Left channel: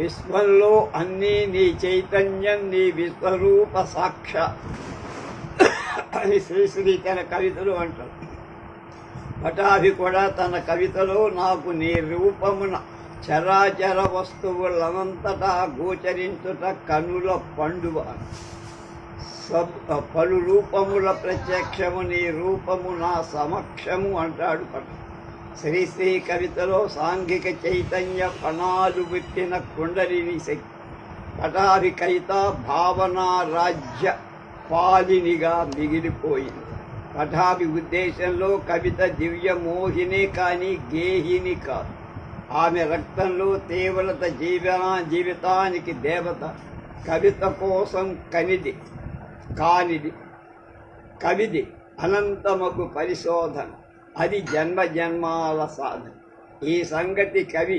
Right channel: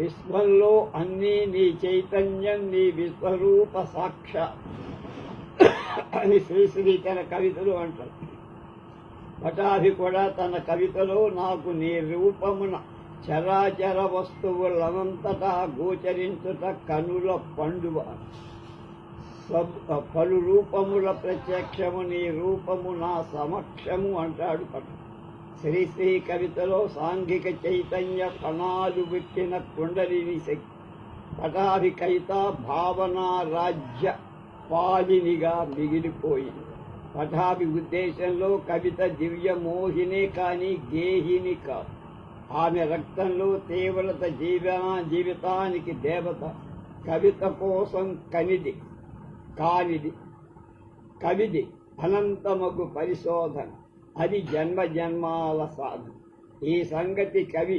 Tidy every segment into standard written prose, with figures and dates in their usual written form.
విశ్వంలో అన్నీ నీ చైతన్యం, నీ విశ్వరూప సాక్ష అని శ్రీశ్రీ తన కవితలు అంటారు. పటాభి కూడా తన కవితలో నాకు నీ రూపమున చరాచర వస్తువులనంతటా గోచరించుట కనుల పండువ, పలు రూపముల ప్రత్యక్షము నీ రూపము నా సమక్షము అంటాడు పట. శ్రీశ్రీ కవితలో సాంఘిక చైతన్య ఫణాలు విప్పిన కుండలిని శక్తి. పటాభి కవిత భావన రాజ్య పాలినిగా మిగిలిపోయింది. పటాభి ఉద్దేశంలో కవిత దివ్య మోహిని కానీ గేహిని కాదు. ఆమె రక్తంలో తీవ్రత జీవితానికి దేవత. కవిత కోసం కానిది కవిది అనంతమగు పరిశోధన, అది జన్మ జన్మాల సాధన. ఈ సంగతి కవి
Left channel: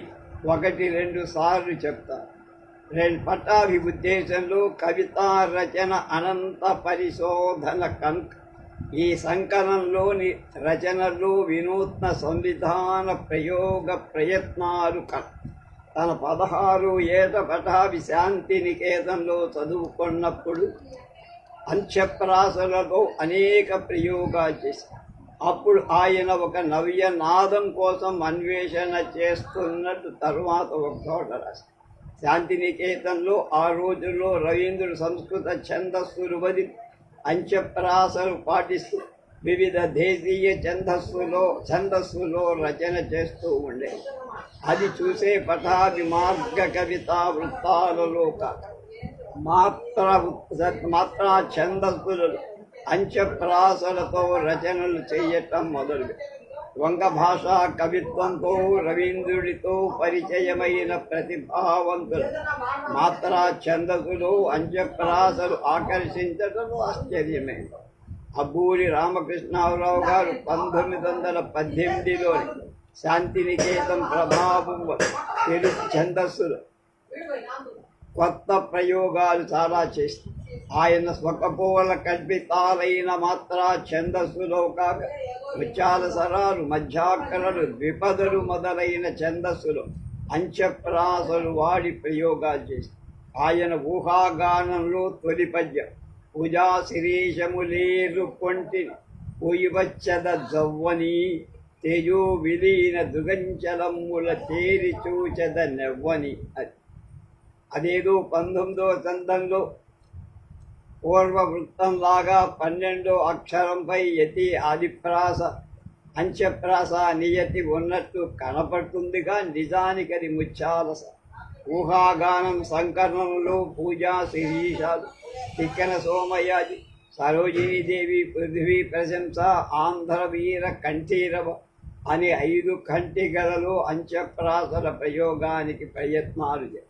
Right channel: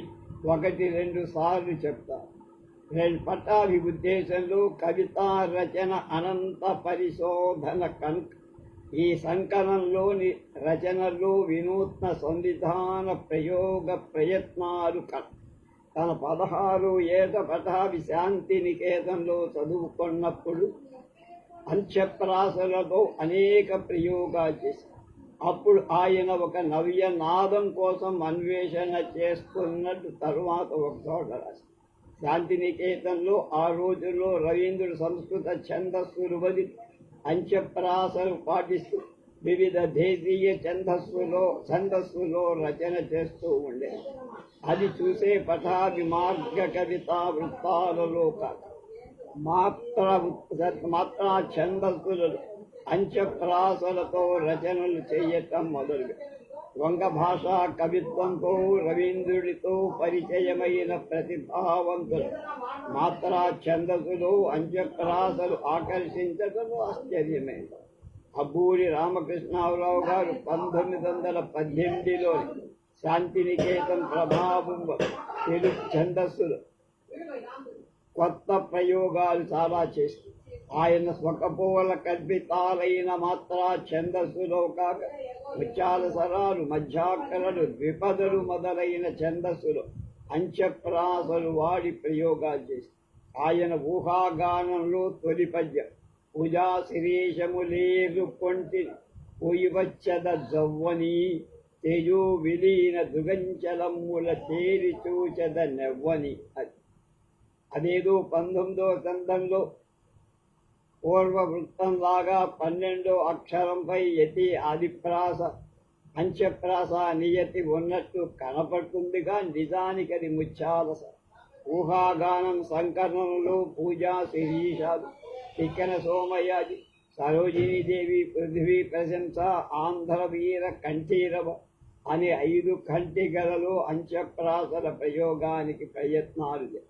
1-2 సార్లు చెప్తారు. పటాభి ఉద్దేశంలో కవితా రచన అనంత పరిశోధన కనుక ఈ సంకలనంలోని రచనలు వినూత్న సంవిధాన ప్రయోగ ప్రయత్నాలు తన 16 ఏట పటాభి శాంతి నికేతన్లో చదువుకున్నప్పుడు అంత్యప్రాసలతో అనేక ప్రయోగాలు చేశారు. అప్పుడు ఆయన ఒక నవ్య నాదం కోసం అన్వేషణ చేస్తున్నట్టు తరువాత ఒక చోట రాశారు. శాంతినికేతన్లో ఆ రోజుల్లో రవీంద్రుడు సంస్కృత ఛందస్సులు వదిలి అంత్యప్రాసలు పాటిస్తూ వివిధ దేశీయ ఛందస్సులో రచన చేస్తూ ఉండేది. అది చూసే పటాభి మార్గ కవితా వృత్తాలలో మాత్రా ఛందస్సులలో అంత్యప్రాసలతో రచనలు చేయటం మొదలుపెట్టారు. వంగ భాషా కవిత్వంతో రవీంద్రుడితో పరిచయమైన ప్రతిభావంతులు మాత్రా ఛందస్సులు అంత్యప్రాసలు ఆకర్షించడం ఆశ్చర్యమే. అబ్బూరి రామకృష్ణరావు గారు 1918లోని శాంతినికేతన్ ప్రభావం తెలుగు ఛందస్సులు కొత్త ప్రయోగాలు చాలా చేస్తారు. ఆయన స్వకపోల కల్పితాలైన మాత్రా ఛందస్సులో కాక ముత్యాల సరాలు, మధ్యాకరలు, ద్విపదలు మొదలైన ఛందస్సులో అంత్యప్రాసలు వాడి ప్రయోగాలు చేస్తారు. ఆయన ఊహాగానంలో తొలి పద్యం పూజా శిరీషములేరు కొంటిని పూయివచ్చద జవ్వని తేజో విలీన దుగంచలమ్ముల తేరి చూచద నెవ్వని. అదేదో 19వ సందంలో పూర్వవృత్తంలాగా 12వ అక్షరంపై యతి ఆదిప్రాస అంత్యప్రాస నియతి ఉన్నట్టు కనపడుతుందిగా నిజానికి అది ముత్యాలస. ఊహాగానం సంకలనంలో పూజా శిరీషాలు, తిక్కన సోమయాజి, సరోజినీదేవి, పృథ్వీ ప్రశంస, ఆంధ్రవీర కంఠీరవ అనే 5 ఖంటికలలో అంత్యప్రాసల ప్రయోగానికి ప్రయత్నాలు చేశారు.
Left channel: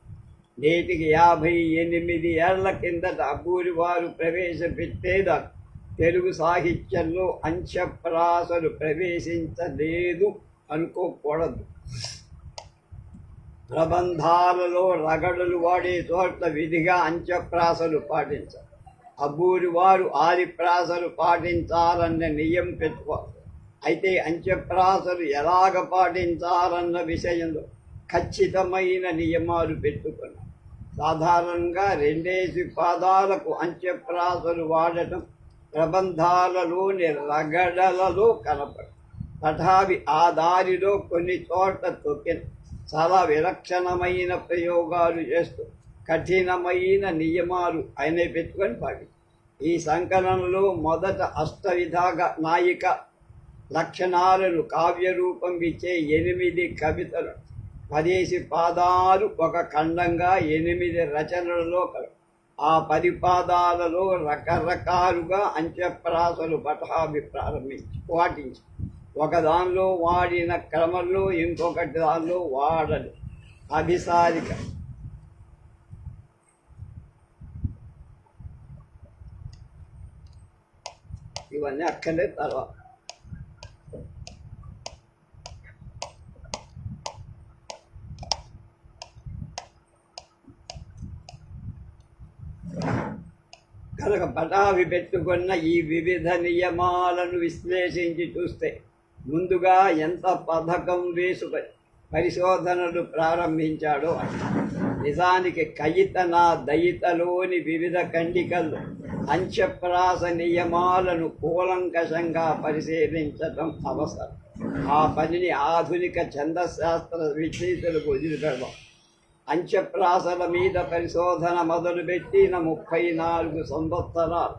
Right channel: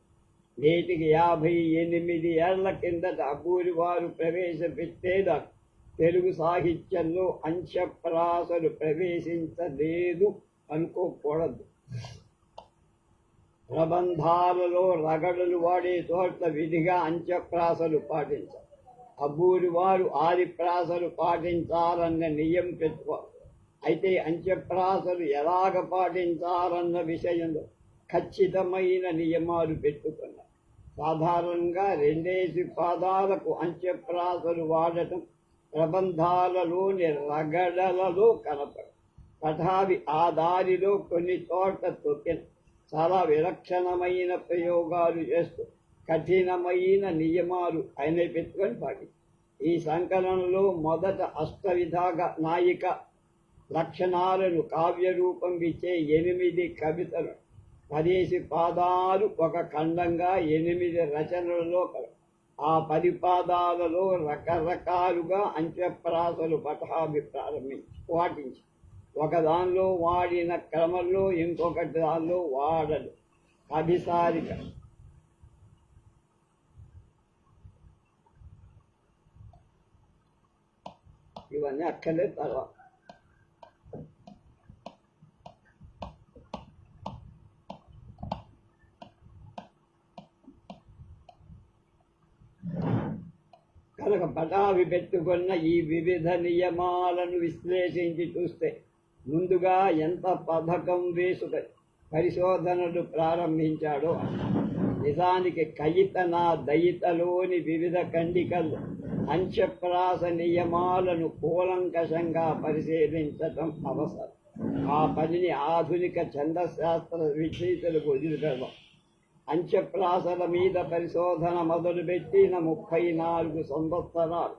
నేటికి 58 ఏళ్ల కిందట అబ్బూరి వారు ప్రవేశపెట్టేదాకా తెలుగు సాహిత్యంలో అంత్యప్రాసలు ప్రవేశించలేదు అనుకోకూడదు. ప్రబంధాలలో రగడలు వాడే చోట విధిగా అంత్యప్రాసలు పాటించారు. అబ్బూరి వారు ఆదిప్రాసలు పాటించాలన్న నియమం పెట్టుకోవాలి. అయితే అంత్యప్రాసలు ఎలాగ పాటించాలన్న విషయంలో ఖచ్చితమైన నియమాలు పెట్టుకున్నారు. సాధారణంగా 2 పాదాలకు అంత్యప్రాసలు వాడటం ప్రబంధాలలోని రగడలలో కనపడు. పటాభి ఆ దారిలో కొన్ని చోట్ల తొక్కిన చాలా విలక్షణమైన ప్రయోగాలు చేస్తూ కఠినమైన నియమాలు ఆయన పెట్టుకొని పాటించారు. ఈ సంకలనంలో మొదట అష్టవిధాగ నాయిక లక్షణాలను కావ్యరూపం ఇచ్చే 8 కవితలు 10 పాదాలు ఒక ఖండంగా 8 రచనలలో ఆ 10 పాదాలలో రకరకాలుగా అంత్యప్రాసలు పటాభి పాటించి ఒకదానిలో వాడిన క్రమంలో ఇంకొకటి దానిలో వాడలు. అభిసారిక ఇవన్నీ అక్కడే తర్వాత. కనుక పటాభి పెట్టుకున్న ఈ వివిధ నియమాలను విశ్లేషించి చూస్తే ముందుగా ఎంత పథకం వేసుకొని పరిశోధనలు ప్రారంభించాడో అని. నిజానికి కయితన దయితలోని వివిధ ఖండికలు అంత్యప్రాస నియమాలను కూలంకషంగా పరిశీలించటం అవసరం. ఆ పనిని ఆధునిక ఛందశాస్త్ర విచేతలకు వదిలిపెడదాం. అంత్యప్రాసల మీద పరిశోధన మొదలుపెట్టిన 34 సంవత్సరాలు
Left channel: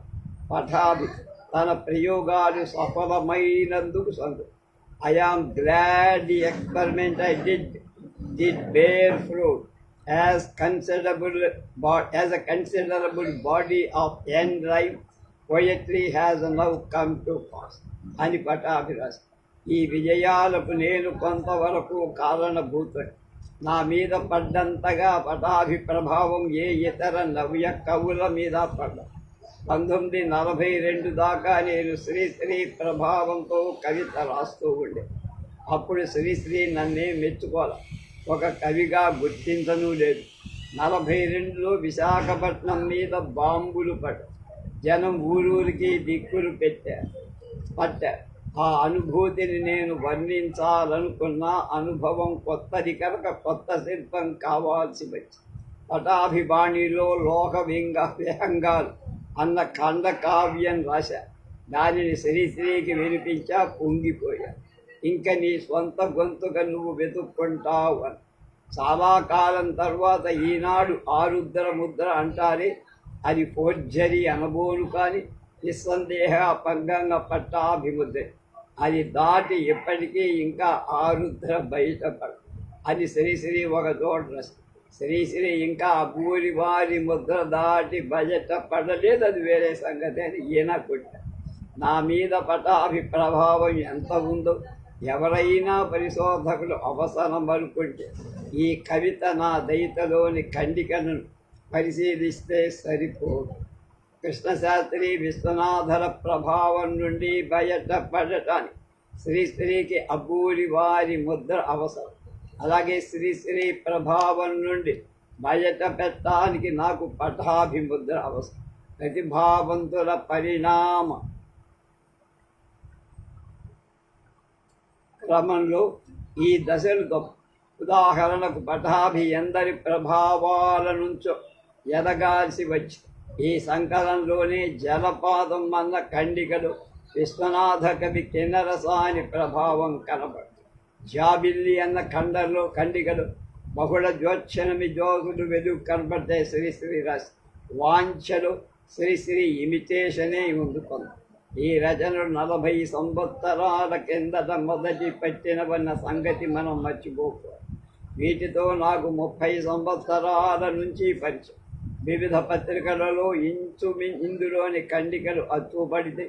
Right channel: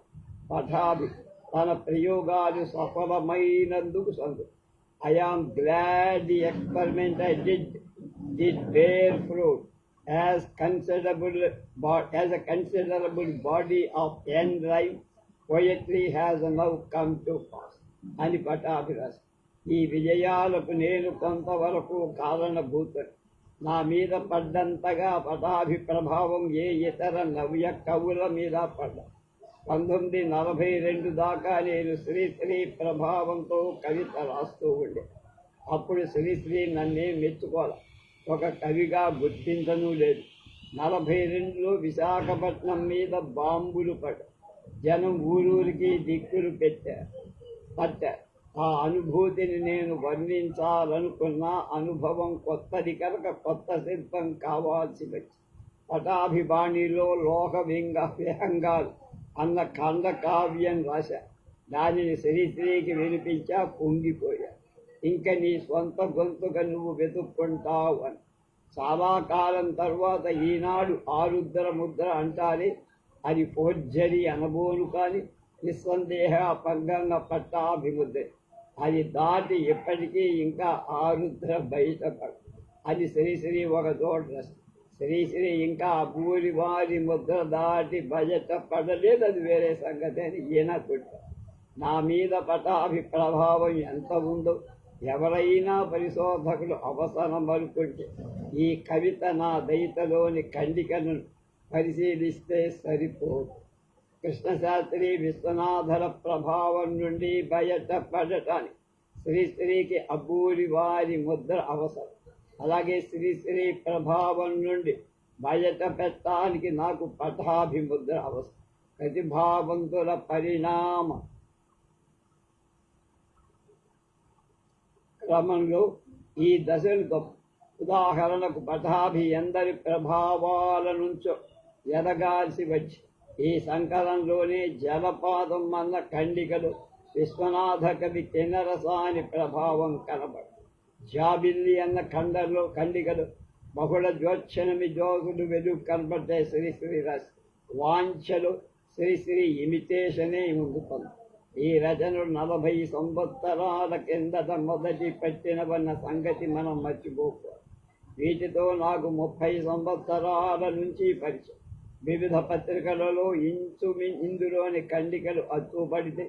పఠాభి తన ప్రయోగాలు సఫలమైనందుకు సంతోషం. I am glad the experiment I did bear fruit, as a considerable body of end-rhyme poetry has now come to pass. అని పటాభి రాశారు. ఈ విజయాలకు నేను కొంతవరకు కారణభూతం. నా మీద పడ్డంతగా పటాభి ప్రభావం ఏ ఇతర నవ్య కవుల మీద పడ్డా. 1942 దాకా నేను శ్రీశ్రీ ప్రభావంతో కవిత రాస్తూ ఉండే. అప్పుడు శ్రీశ్రీ నన్నే మెచ్చుకోవాలి, ఒక కవిగా గుర్తించను లేదు. 42లో విశాఖపట్నం మీద బాంబులు జనం ఊరూరికి దిక్కులు పట్టారు. ఆ అనుభూతిని నేను వర్ణించాలనుకున్న అనుభవం కొత్తది కనుక కొత్త శిల్పం కావాల్సి వచ్చింది. పటాభిబాణిలో లోక విహంగాలు అన్న ఖండకావ్యం రాశా. దానిని శ్రీశ్రీకి వినిపించా, పొంగిపోయా. ఇంకా నీ సొంత గొంతుగా నువ్వు వెతుక్కుంటావు అని. చాలా కాలం తర్వాత ఈనాడు ఆరుద్ర ముద్ర అంటారే, అది ఫోర్జరీ అనబోను, కానీ నిస్సందేహ పగ్గంగా పట్టాభిముద్ర. అది దాటి ఎప్పటికీ ఇంకా ఆరుద్ర బయటపడు. అది శ్రీశ్రీ ఒక చోట రాసి. శ్రీశ్రీ ఇంకా అబూరి వారి ముద్ర దాటి బయట పడలేదు, అది వేరే సంగతి అని ఈయన కొట్టారు. నా మీద పటాభి ప్రభావం ఎంత ఉందో ఎవరైనా పరిశోధకులు అవసరం అనుకుంటే ఈ కవిత నా దయితలోని ఖండికను పరిశీలిస్తే సరిపోదు. కృష్ణశాస్త్రి విశ్వనాథల ప్రభావం నుండి బయటపడటానికి శ్రీశ్రీకి అబూరి వారి ముద్ర అవసరం. అలాగే శ్రీశ్రీ ప్రభావం నుండి బయట పెట్టడానికి నాకు పటాభిముద్ర అవసరం. ప్రతిభావంతుల పరిణామ క్రమంలో ఈ దశలు గొప్ప. ఉదాహరణకు పటాభి ఎందరి ప్రభావాల నుంచో ఎదగాల్సి వచ్చి ఈ సంకలంలోనే జలపాతం అన్న ఖండికలు విశ్వనాథ కవి కిన్నరసాని ప్రభావం కనబడు. జాబిల్లి అన్న ఖండికలు బహుళ జ్యోత్సనమి జోగులు వెలుగు కనబడితే శ్రీశ్రీ రాసి. వాంఛలు శ్రీశ్రీ ఇమిటేషనే ముందుకుంది. ఈ రచనలు 40 సంవత్సరాల కిందట మొదటి పెట్టినవన్న సంగతి మనం మర్చిపోకూడదు. వీటితో నాకు 30 సంవత్సరాల నుంచి పరిచయం. వివిధ పత్రికలలో ఇందులోని ఖండికలు అచ్చుపడితే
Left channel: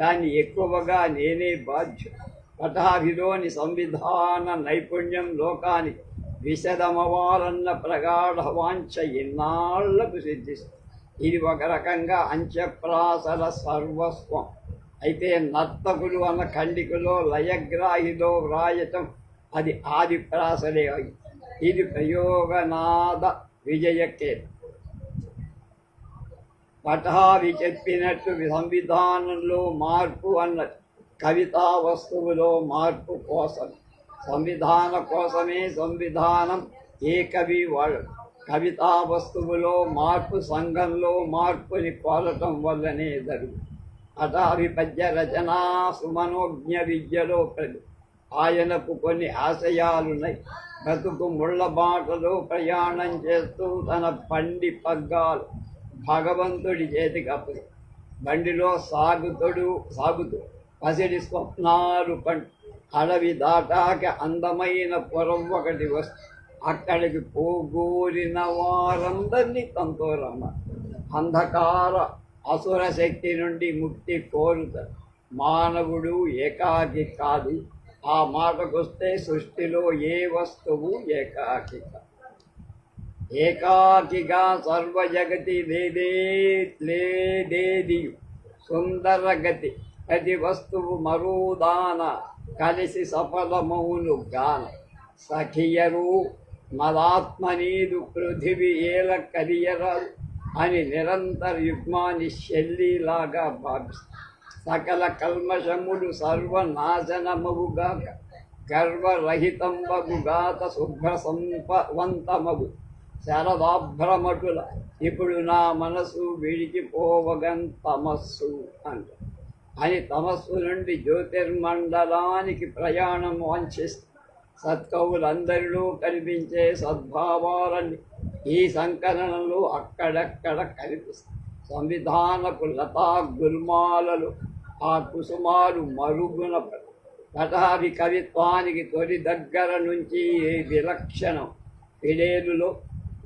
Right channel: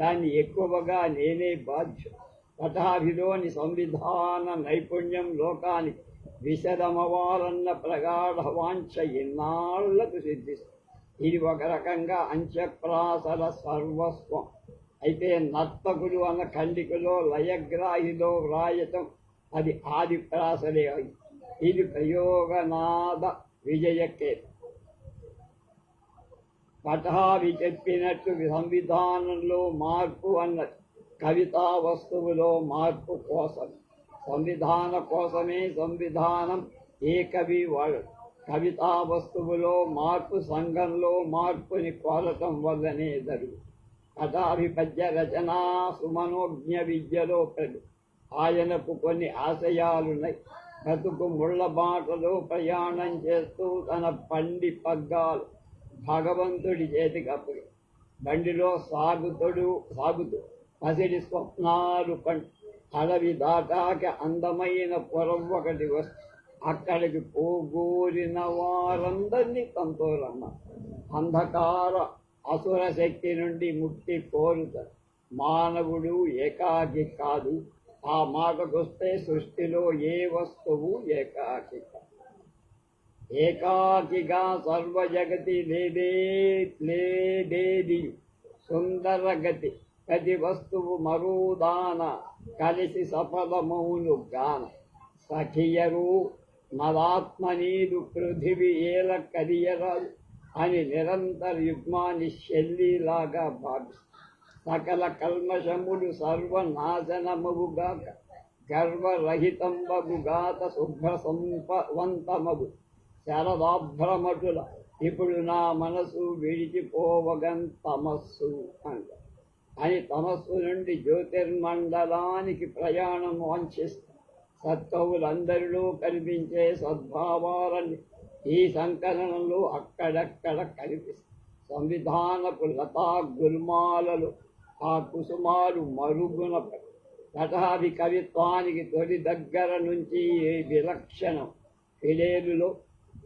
దాన్ని ఎక్కువగా నేనే బాధ్యుడు. పటాభిలోని సంవిధాన నైపుణ్యం లోకానికి విశదమవాలన్న ప్రగాఢ వాంఛ ఎన్నాళ్లకు సిద్ధిస్తుంది. ఇది ఒక రకంగా అంత్యప్రాసల సర్వస్వం. అయితే నర్తకులు అన్న ఖండికలో లయగ్రాహిలో వ్రాయటం అది ఆది ప్రాసలే. ఇది ప్రయోగనాద విజయకేతు. పటాభి చెప్పినట్టు సంవిధానంలో మార్పు అన్నది కవితా వస్తువులో మార్పు కోసం. సంవిధాన కోసమే సంవిధానం ఏ కవి వాడు. కవితా వస్తువులో మార్పు సంఘంలో మార్పుని కోరటం వల్లనే జరుగు. పటాభి పద్య రచనా సుమనోజ్ఞ విద్యలో ఆయనకు కొన్ని ఆశయాలున్నాయి. బ్రతుకు ముళ్ళ బాటలో ప్రయాణం చేస్తూ తన పండి పగ్గాలు భగవంతుడి చేతికి అప్పుడు బండిలో సాగుతూ పసిడి స్వప్నాలు అడవి దాటాక అందమైన పొరం ఒకటి వస్తు అక్కడికి పోగూరిన వారందరినీ తనతో రమ్మ. అంధకార అసుర శక్తి నుండి ముక్తి కోరుతారు. మానవుడు ఏకాకి కాదు. ఆ మాటకొస్తే సృష్టిలో ఏ వస్తువు ఏకాకి కాదు. ఏకాకిగా సర్వజగతి లేదేది సుందరగతి. ప్రతి వస్తువు మరుదాన కలిసి సఫలమౌను గాన. సఖియరు మదాత్మనీదు పృథివి ఏల కరియరాలు అని నిరంతర యుగ్మాన్ని శల్లిలాగా భావిస్తారు. సకల కల్మషములు సర్వనాశనముగాక గర్వరహితంబగుగాత శుభ్ర సంపవంతమగు శరదాభ్రమటుల ఇప్పుడు నా మనసు విడిచిపోవగం తమస్సు అంట అని తమస్సు నుండి జ్యోతిర్మండలానికి ప్రయాణం వాంఛిస్తారు. సత్కవులందరిలో కనిపించే సద్భావాలన్నీ ఈ సంకలనంలో అక్కడక్కడ కనిపిస్తాయి. సంవిధానపు లతా గుల్మాలలో ఆ కుసుమాలు మరుగున పటాభి కవిత్వానికి తొలి దగ్గర నుంచి విలక్షణం. ఫిడేలులో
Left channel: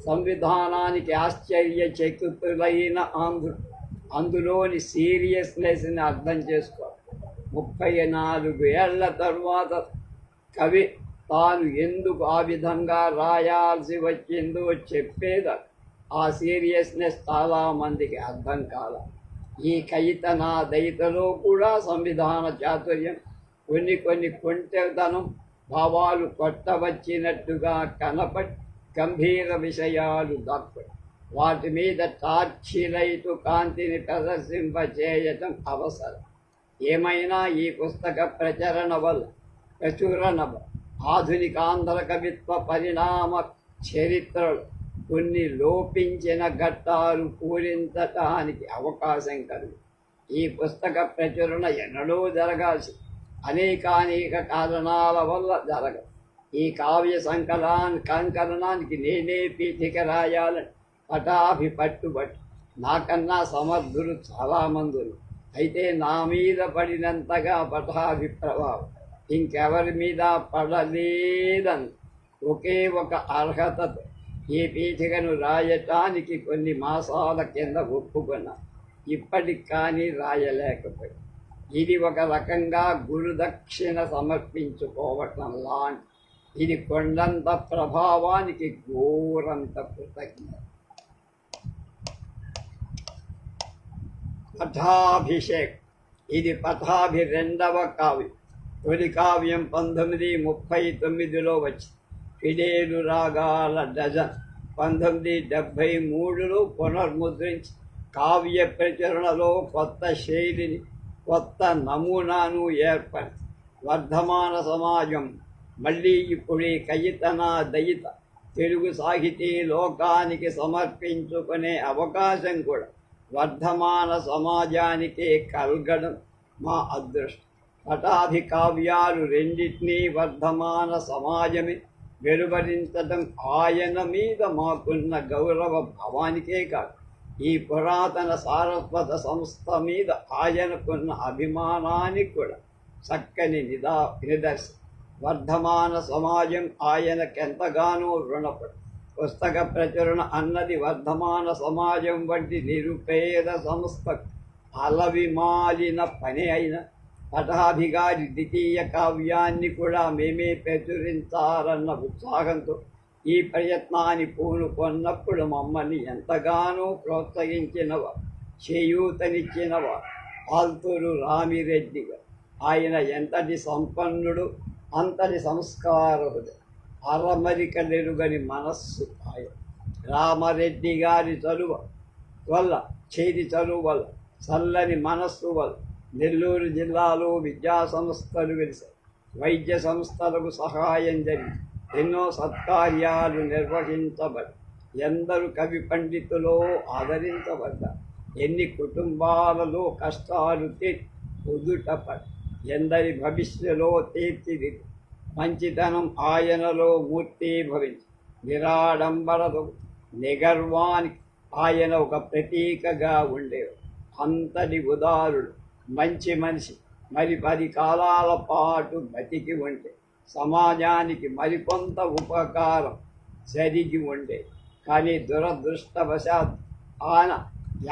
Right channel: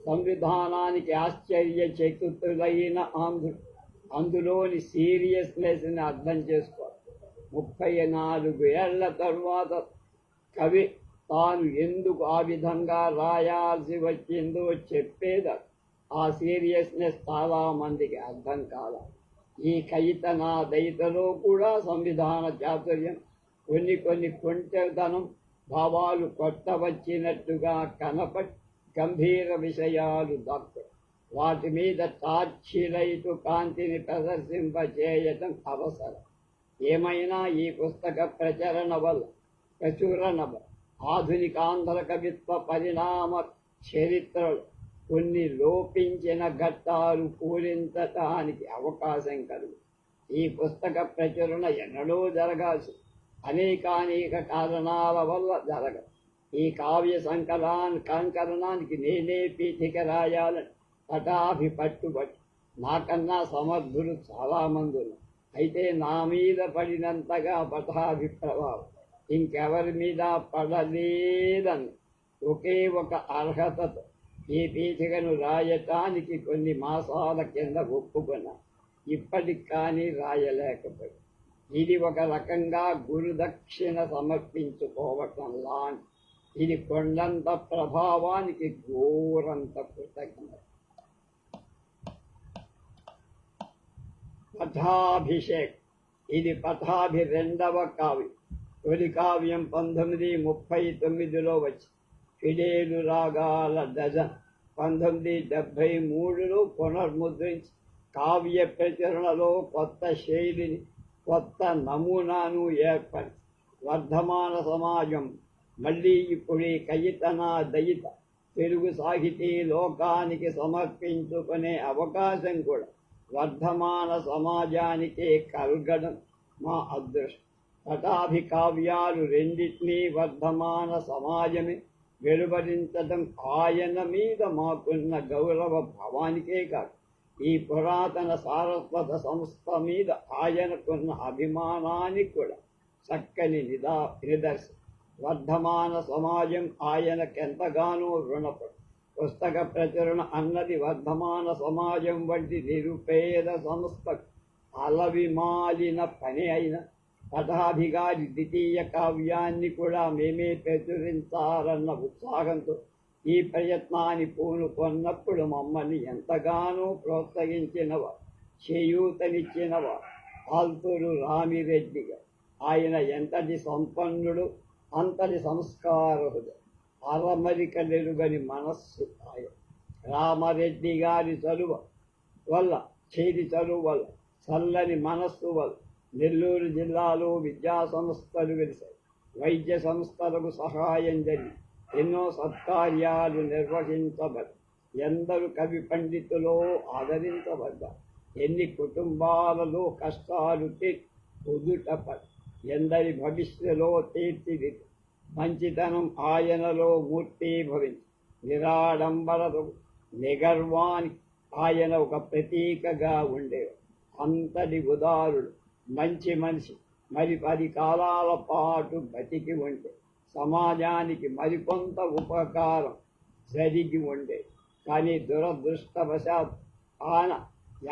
సంవిధానానికి ఆశ్చర్యచకితులైన అందులోని సీరియస్నెస్ని అర్థం చేసుకోవాలి. 34 ఏళ్ల తరువాత కవి తాను ఎందుకు ఆ విధంగా రాయాల్సి వచ్చిందో చెప్పేది. ఆ సీరియస్నెస్ చాలామందికి అర్థం కాల. ఈ కయితన దయితలో కూడా సంవిధాన చాతుర్యం, కొన్ని కొంటెతనం, భావాలు కొట్టవచ్చినట్టుగా కనపడి గంభీర విషయాలు దాక్కుని వాటి మీద టార్చిలైటు కాంతిని ప్రదర్శింపచేయటం అవసరం. ఏమైనా ఈ పుస్తక ప్రచురణ ఆధునిక ఆంధ్ర కవిత్వ పరిణామ చరిత్రలు కొన్ని లోపించిన ఘట్టాలు పూరించటానికి అవకాశం కలుగు. ఈ పుస్తక ప్రచురణ ఎన్నడూ జరగాల్సి అనేక కారణాల వల్ల జరగదు. ఈ కావ్య సంకలనానికి నేనే పీఠిక రాయాలని పటాభి పట్టుబట్టి నాకన్నా సమర్థులు చాలామంది. అయితే నా మీద పడినంతగా పటాభి ప్రభావం ఇంకెవరి మీద పడలేదని ఒకే ఒక అర్హతతో ఈ పీఠికను రాయటానికి కొన్ని మాసాల కింద ఒప్పుకున్నా. ఇప్పటికి కానీ రాయలేకపోయి. ఇది ఒక రకంగా గురుదక్షిణ సమర్పించుకోవటం లాంటి. ఇది కొండంత ప్రభావానికి ఘోరంత కృతజ్ఞత. పటాభిషేక్. ఇది పటాభి 2వ కావ్యం. తొలి కావ్యం 1939లో వచ్చి ఫిడేలు రాగాల డజన్ 1973లో పునర్ముద్రించి కావ్య ప్రచురణలో కొత్త శైలిని, కొత్త నమూనాను ఏర్పడి వర్ధమాన సమాజం మళ్ళీ ఇప్పుడు కయితన దయిత తెలుగు సాహితీ లోకానికి సమర్పించుకునే అవకాశం కూడా వర్ధమాన సమాజానికే కలగడం మా అదృష్టం. పటాభి కావ్యాలు రెండింటినీ వర్ధమాన సమాజమే వెలువరించడం ఆయన మీద మాకున్న గౌరవ భావానికే కాదు, ఈ పురాతన సారస్వత సంస్థ మీద ఆయనకున్న అభిమానానికి కూడా చక్కని నిదర్శనం. వర్ధమాన సమాజం ఆయనకెంతగానో రుణపడి. పుస్తక ప్రచురణ అన్నది వర్ధమాన సమాజం వంటి నిరుపేద సంస్థకు అలవిమాలిన పని అయిన పటాభి గారి ద్వితీయ కావ్యాన్ని కూడా మేమే ప్రచురించాలన్న ఉత్సాహంతో ఈ ప్రయత్నాన్ని పూనుకొన్నప్పుడు మమ్మల్ని ఎంతగానో ప్రోత్సహించినవారు, చేయూతనిచ్చినవారు ఆల్తూరు రామిరెడ్డి గారు. ఆయన ఎంతటి సంపన్నుడు, అంతటి సంస్కారకుడు, అరమరికలెరుగని మనస్సు ఆయన. రామరెడ్డి గారి చలువ వల్ల, చల్లని మనస్సు వల్ల నెల్లూరు జిల్లాలో విద్యా సంస్థలు వెలిశాయి. వైద్య సంస్థలకు సహాయం జరిగి ఎన్నో సత్కార్యాలు నిర్వహించబడి ఎందరు కవి పండితులో ఆదరించబడ్డారు. ఎన్ని కుటుంబాలలో కష్టాలు కుదుటపడి ఎందరి భవిష్యలో తీర్చిదిద్ది మంచితనం ఆయనలో మూర్తీభవించి నిరాడంబరతో నిగర్వానికి ఆయన ఒక ప్రతీకగా ఉండేవారు. అంతటి ఉదారుడు, మంచి మనిషి మరి 10 కాలాల పాటు బతికి ఉంటే సమాజానికి మరికొంత ఉపకారం జరిగి ఉండే. కానీ దురదృష్టవశాత్ ఆయన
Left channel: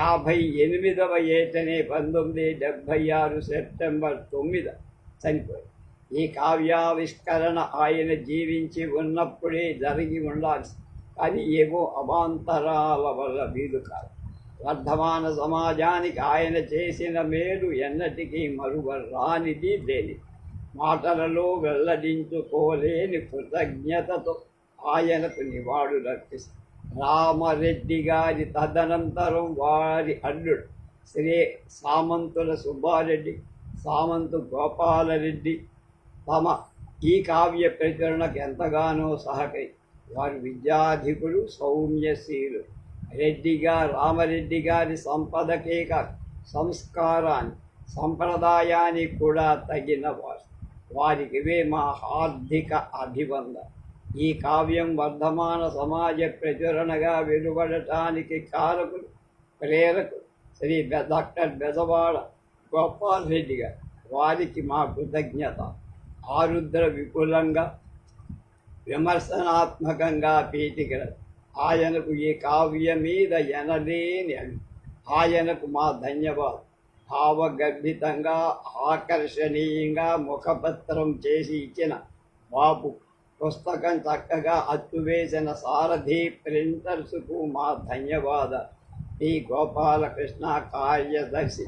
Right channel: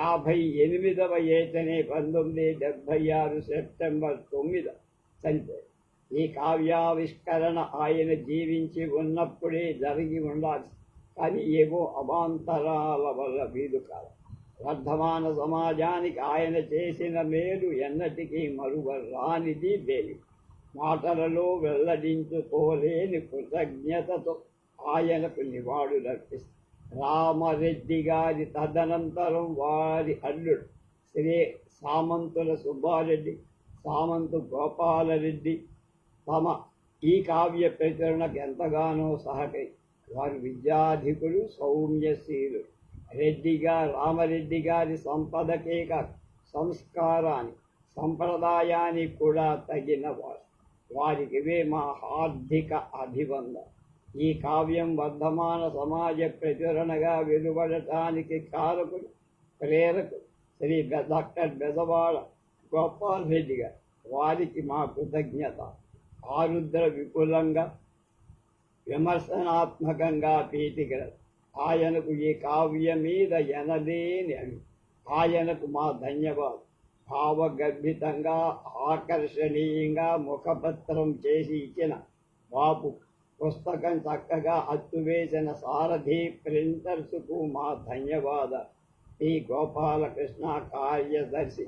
58వ ఏటనే 1976 సెప్టెంబర్ 9 చనిపోయారు. ఈ కావ్యావిష్కరణ ఆయన జీవించి ఉన్నప్పుడే జరిగి ఉండాల్సి, కానీ ఏవో అవాంతరాల వల్ల వీలు కాదు. వర్ధమాన సమాజానికి ఆయన చేసిన మేలు ఎన్నటికీ మరువరానిది లేనిది. మాటలలో వెల్లడించుకోలేని కృతజ్ఞతతో ఆయనకు నివాళులర్పిస్తారు. రామరెడ్డి గారి తదనంతరం వారి అల్లుడు శ్రీ సామంతుల సుబ్బారెడ్డి, సామంతు గోపాలరెడ్డి తమ ఈ కావ్య ప్రచురణకు ఎంతగానో సహకరి వారు విద్యాధికులు, సౌమ్యశీలు. రామరెడ్డి గారి సంపదకే కాక సంస్కారాన్ని, సంప్రదాయానికి కూడా తగినవారు. వారికి ఇవే మా హార్దిక అభివందన. ఈ కావ్యం వర్ధమాన సమాజ ప్రచురణగా వెలువడటానికి కారకులు, ప్రేరకులు శ్రీ డాక్టర్ బెజవాడ గోపాల్ రెడ్డి గారు. వారికి మా కృతజ్ఞత. ఆరుద్ర విపులంగా, విమర్శనాత్మకంగా పీఠికలు. ఆయనకు ఈ కావ్యం మీద ఎనలేని ఆయనకు మా ధన్యవాదాలు. భావగర్భితంగా, ఆకర్షణీయంగా ముఖపత్రం చేసి ఇచ్చిన బాబు, పుస్తకం చక్కగా అచ్చువేసిన సారథి ప్రింటర్స్కు మా ధన్యవాదాలు. పి గోపాలకృష్ణ, కార్యదర్శి,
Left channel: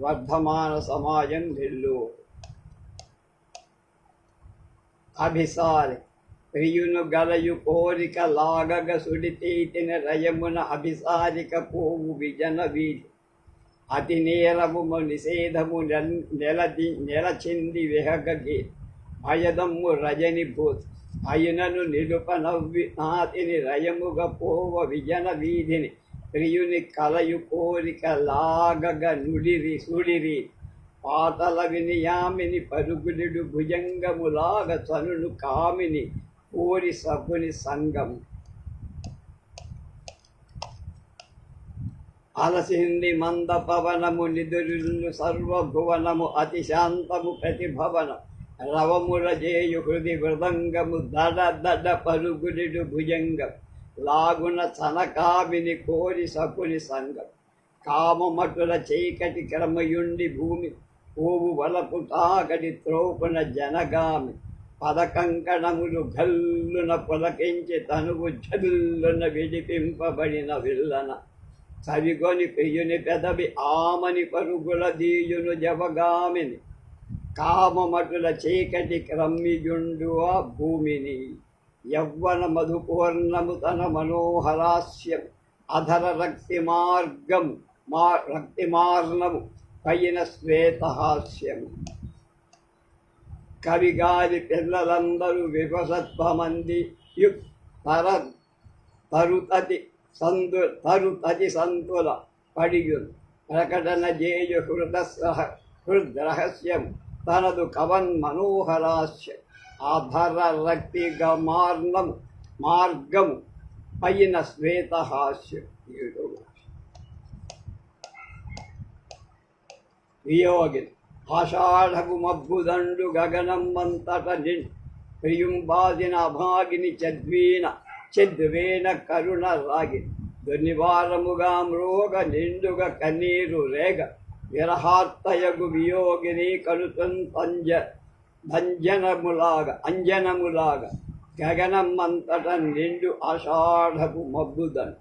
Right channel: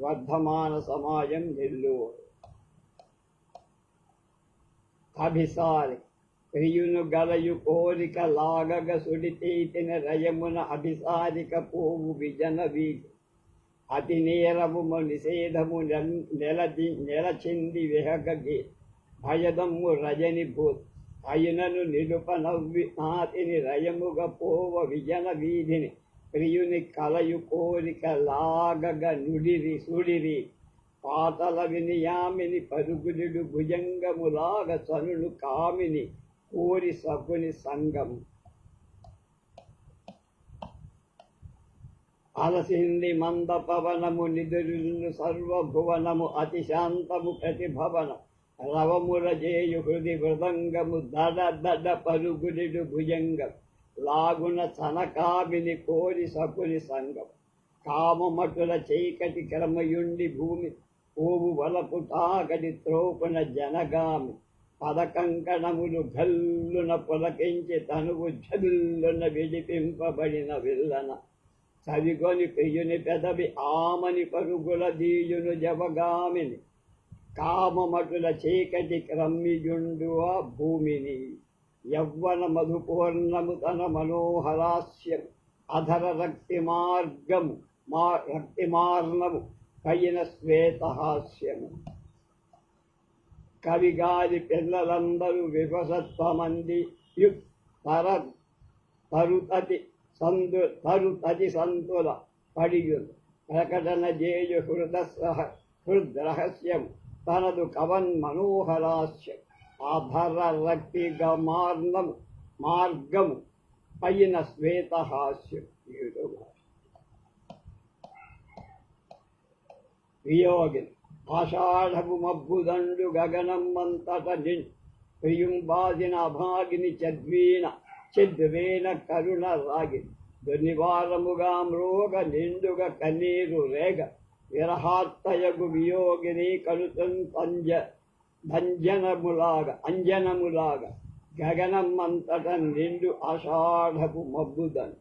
వర్ధమాన సమాజం, నెల్లూరు. అభిసారి ప్రియును గలయు కోరిక లాగగ సుడితీతిన రయమున అభిసారిక పోవు విజన వీధి. అతి నేరము నిషేధము నెలచింది విహగీ. భయదమ్ము రజని భూత్ అయునను నిలుప నవ్వి నాతిని రయముగ పోవ విజన వీధిని. ప్రియుని కలయు కోరిక లాగగ నుడిరి సుడిరి. పాతల వినియామిని పరుగులుడు భుజంగములాగ చనును కామిని కోరి సకుని సంగం. అలసింది మంద పవనము నిదురులు సర్వభువనము అతి శాంతము ప్రతిభవన. రవముల జేయు హృది మృదంగము దడ దడ పరుగులుడు భుజంగం. లాగున చనకామిని కోరి సకుని సంగం. కామమటుల చీకటి క్రమయుండి భూమి ఓవు వలపు తాకటి త్రోపున జనగామి. పదకంకణములు గల్లున పులకించి తనువు జల్లున విడిపింపబడిన విల్లన. చవిగొని ప్రియుని పెదవి ఆమని పరుగుల దీయును జవగామిని. కామమటుల చీకటి క్రమ్మియుండు ఆ భూమిని. యవ్వన మధుపూర్ణము తన మనోహరాస్యం. అధర రక్తిమార్ణము పైన శ్వేతహాస్యము. కవిగారి పిల్లలందరూ విభసత్వమంది తరుతతి సంతుల పడియులు. ప్రకటన చేయు హృద్రహస్యం తనదు కవన్ మనోహరాస్యం. ఆధర మార్గము పైన శ్వేతహాస్యం. వియోగిని ఆషాఢపు మబ్బుదండు గగనమ్మంతట ప్రియుంబాదిన అభాగిని చద్వేన కరుణ రాగిని. దుర్నివారముగా మ్రోగ నిండుగ కన్నీరు రేగ. విరహార్తయగు వియోగిని కలుతం అంజనములాగా గగనమ్మంతట నిండు ఆషాఢపు మబ్బుదండు.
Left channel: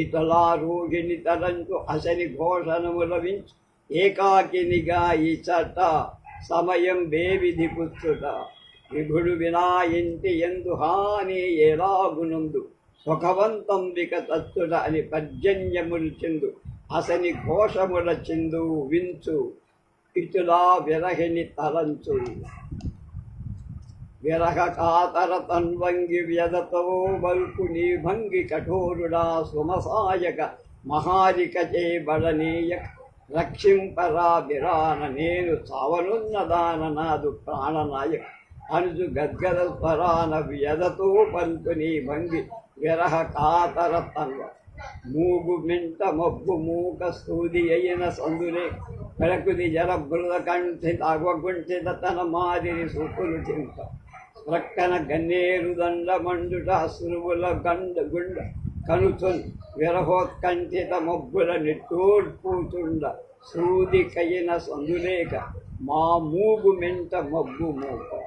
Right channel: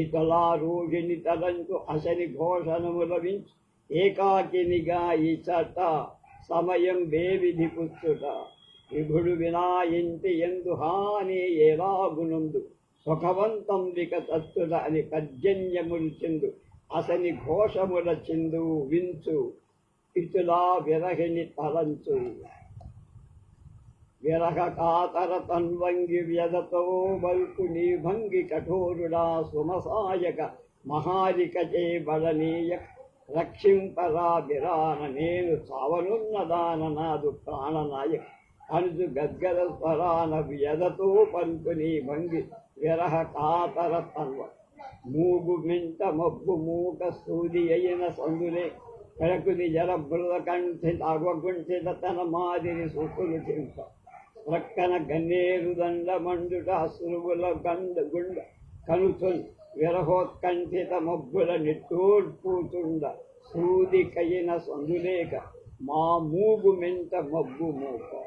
ఇతలా రోగిని తలంచు అసని ఘోషణముల వించు. ఏకాకినిగా ఇచట సమయం బేవిధి పుచ్చుట. విభుడు వినాయింటి ఎందు హాని ఎలాగునుందు. సుఖవంతం వికతచ్చుట అని పర్జన్యములు చిందు. అసని ఘోషముల చిందు వించు. ఇటులా విరహిని తలంచు. విరహ కాతర తన్వంగి వ్యధతో వల్పు నీ భంగి కఠోరుడా సుమసాయక. మహారిక చేబడనీయక రక్షింపరా బిరాన. నేను చావనున్నదాన నాదు ప్రాణనాయక. అనుజు గద్గద స్వరాన వ్యధతో పలుకు నీ భంగి విరహ కాతర తన్వ. మూగు మింట మబ్బు మూక సూది అయిన సందులే. ప్రకృతి జల బృద కంఠిత అగకుంఠిత తన మాదిరి సుకులు చింప. ప్రక్కన గన్నేరు దండ మండుట సురువుల గుండ కనుచున్. విరహోత్కంఠిత మబ్బుల నిట్టూర్పుచుండ. సూది కయిన సందులేక మా మూగు మెంట మబ్బు మూక.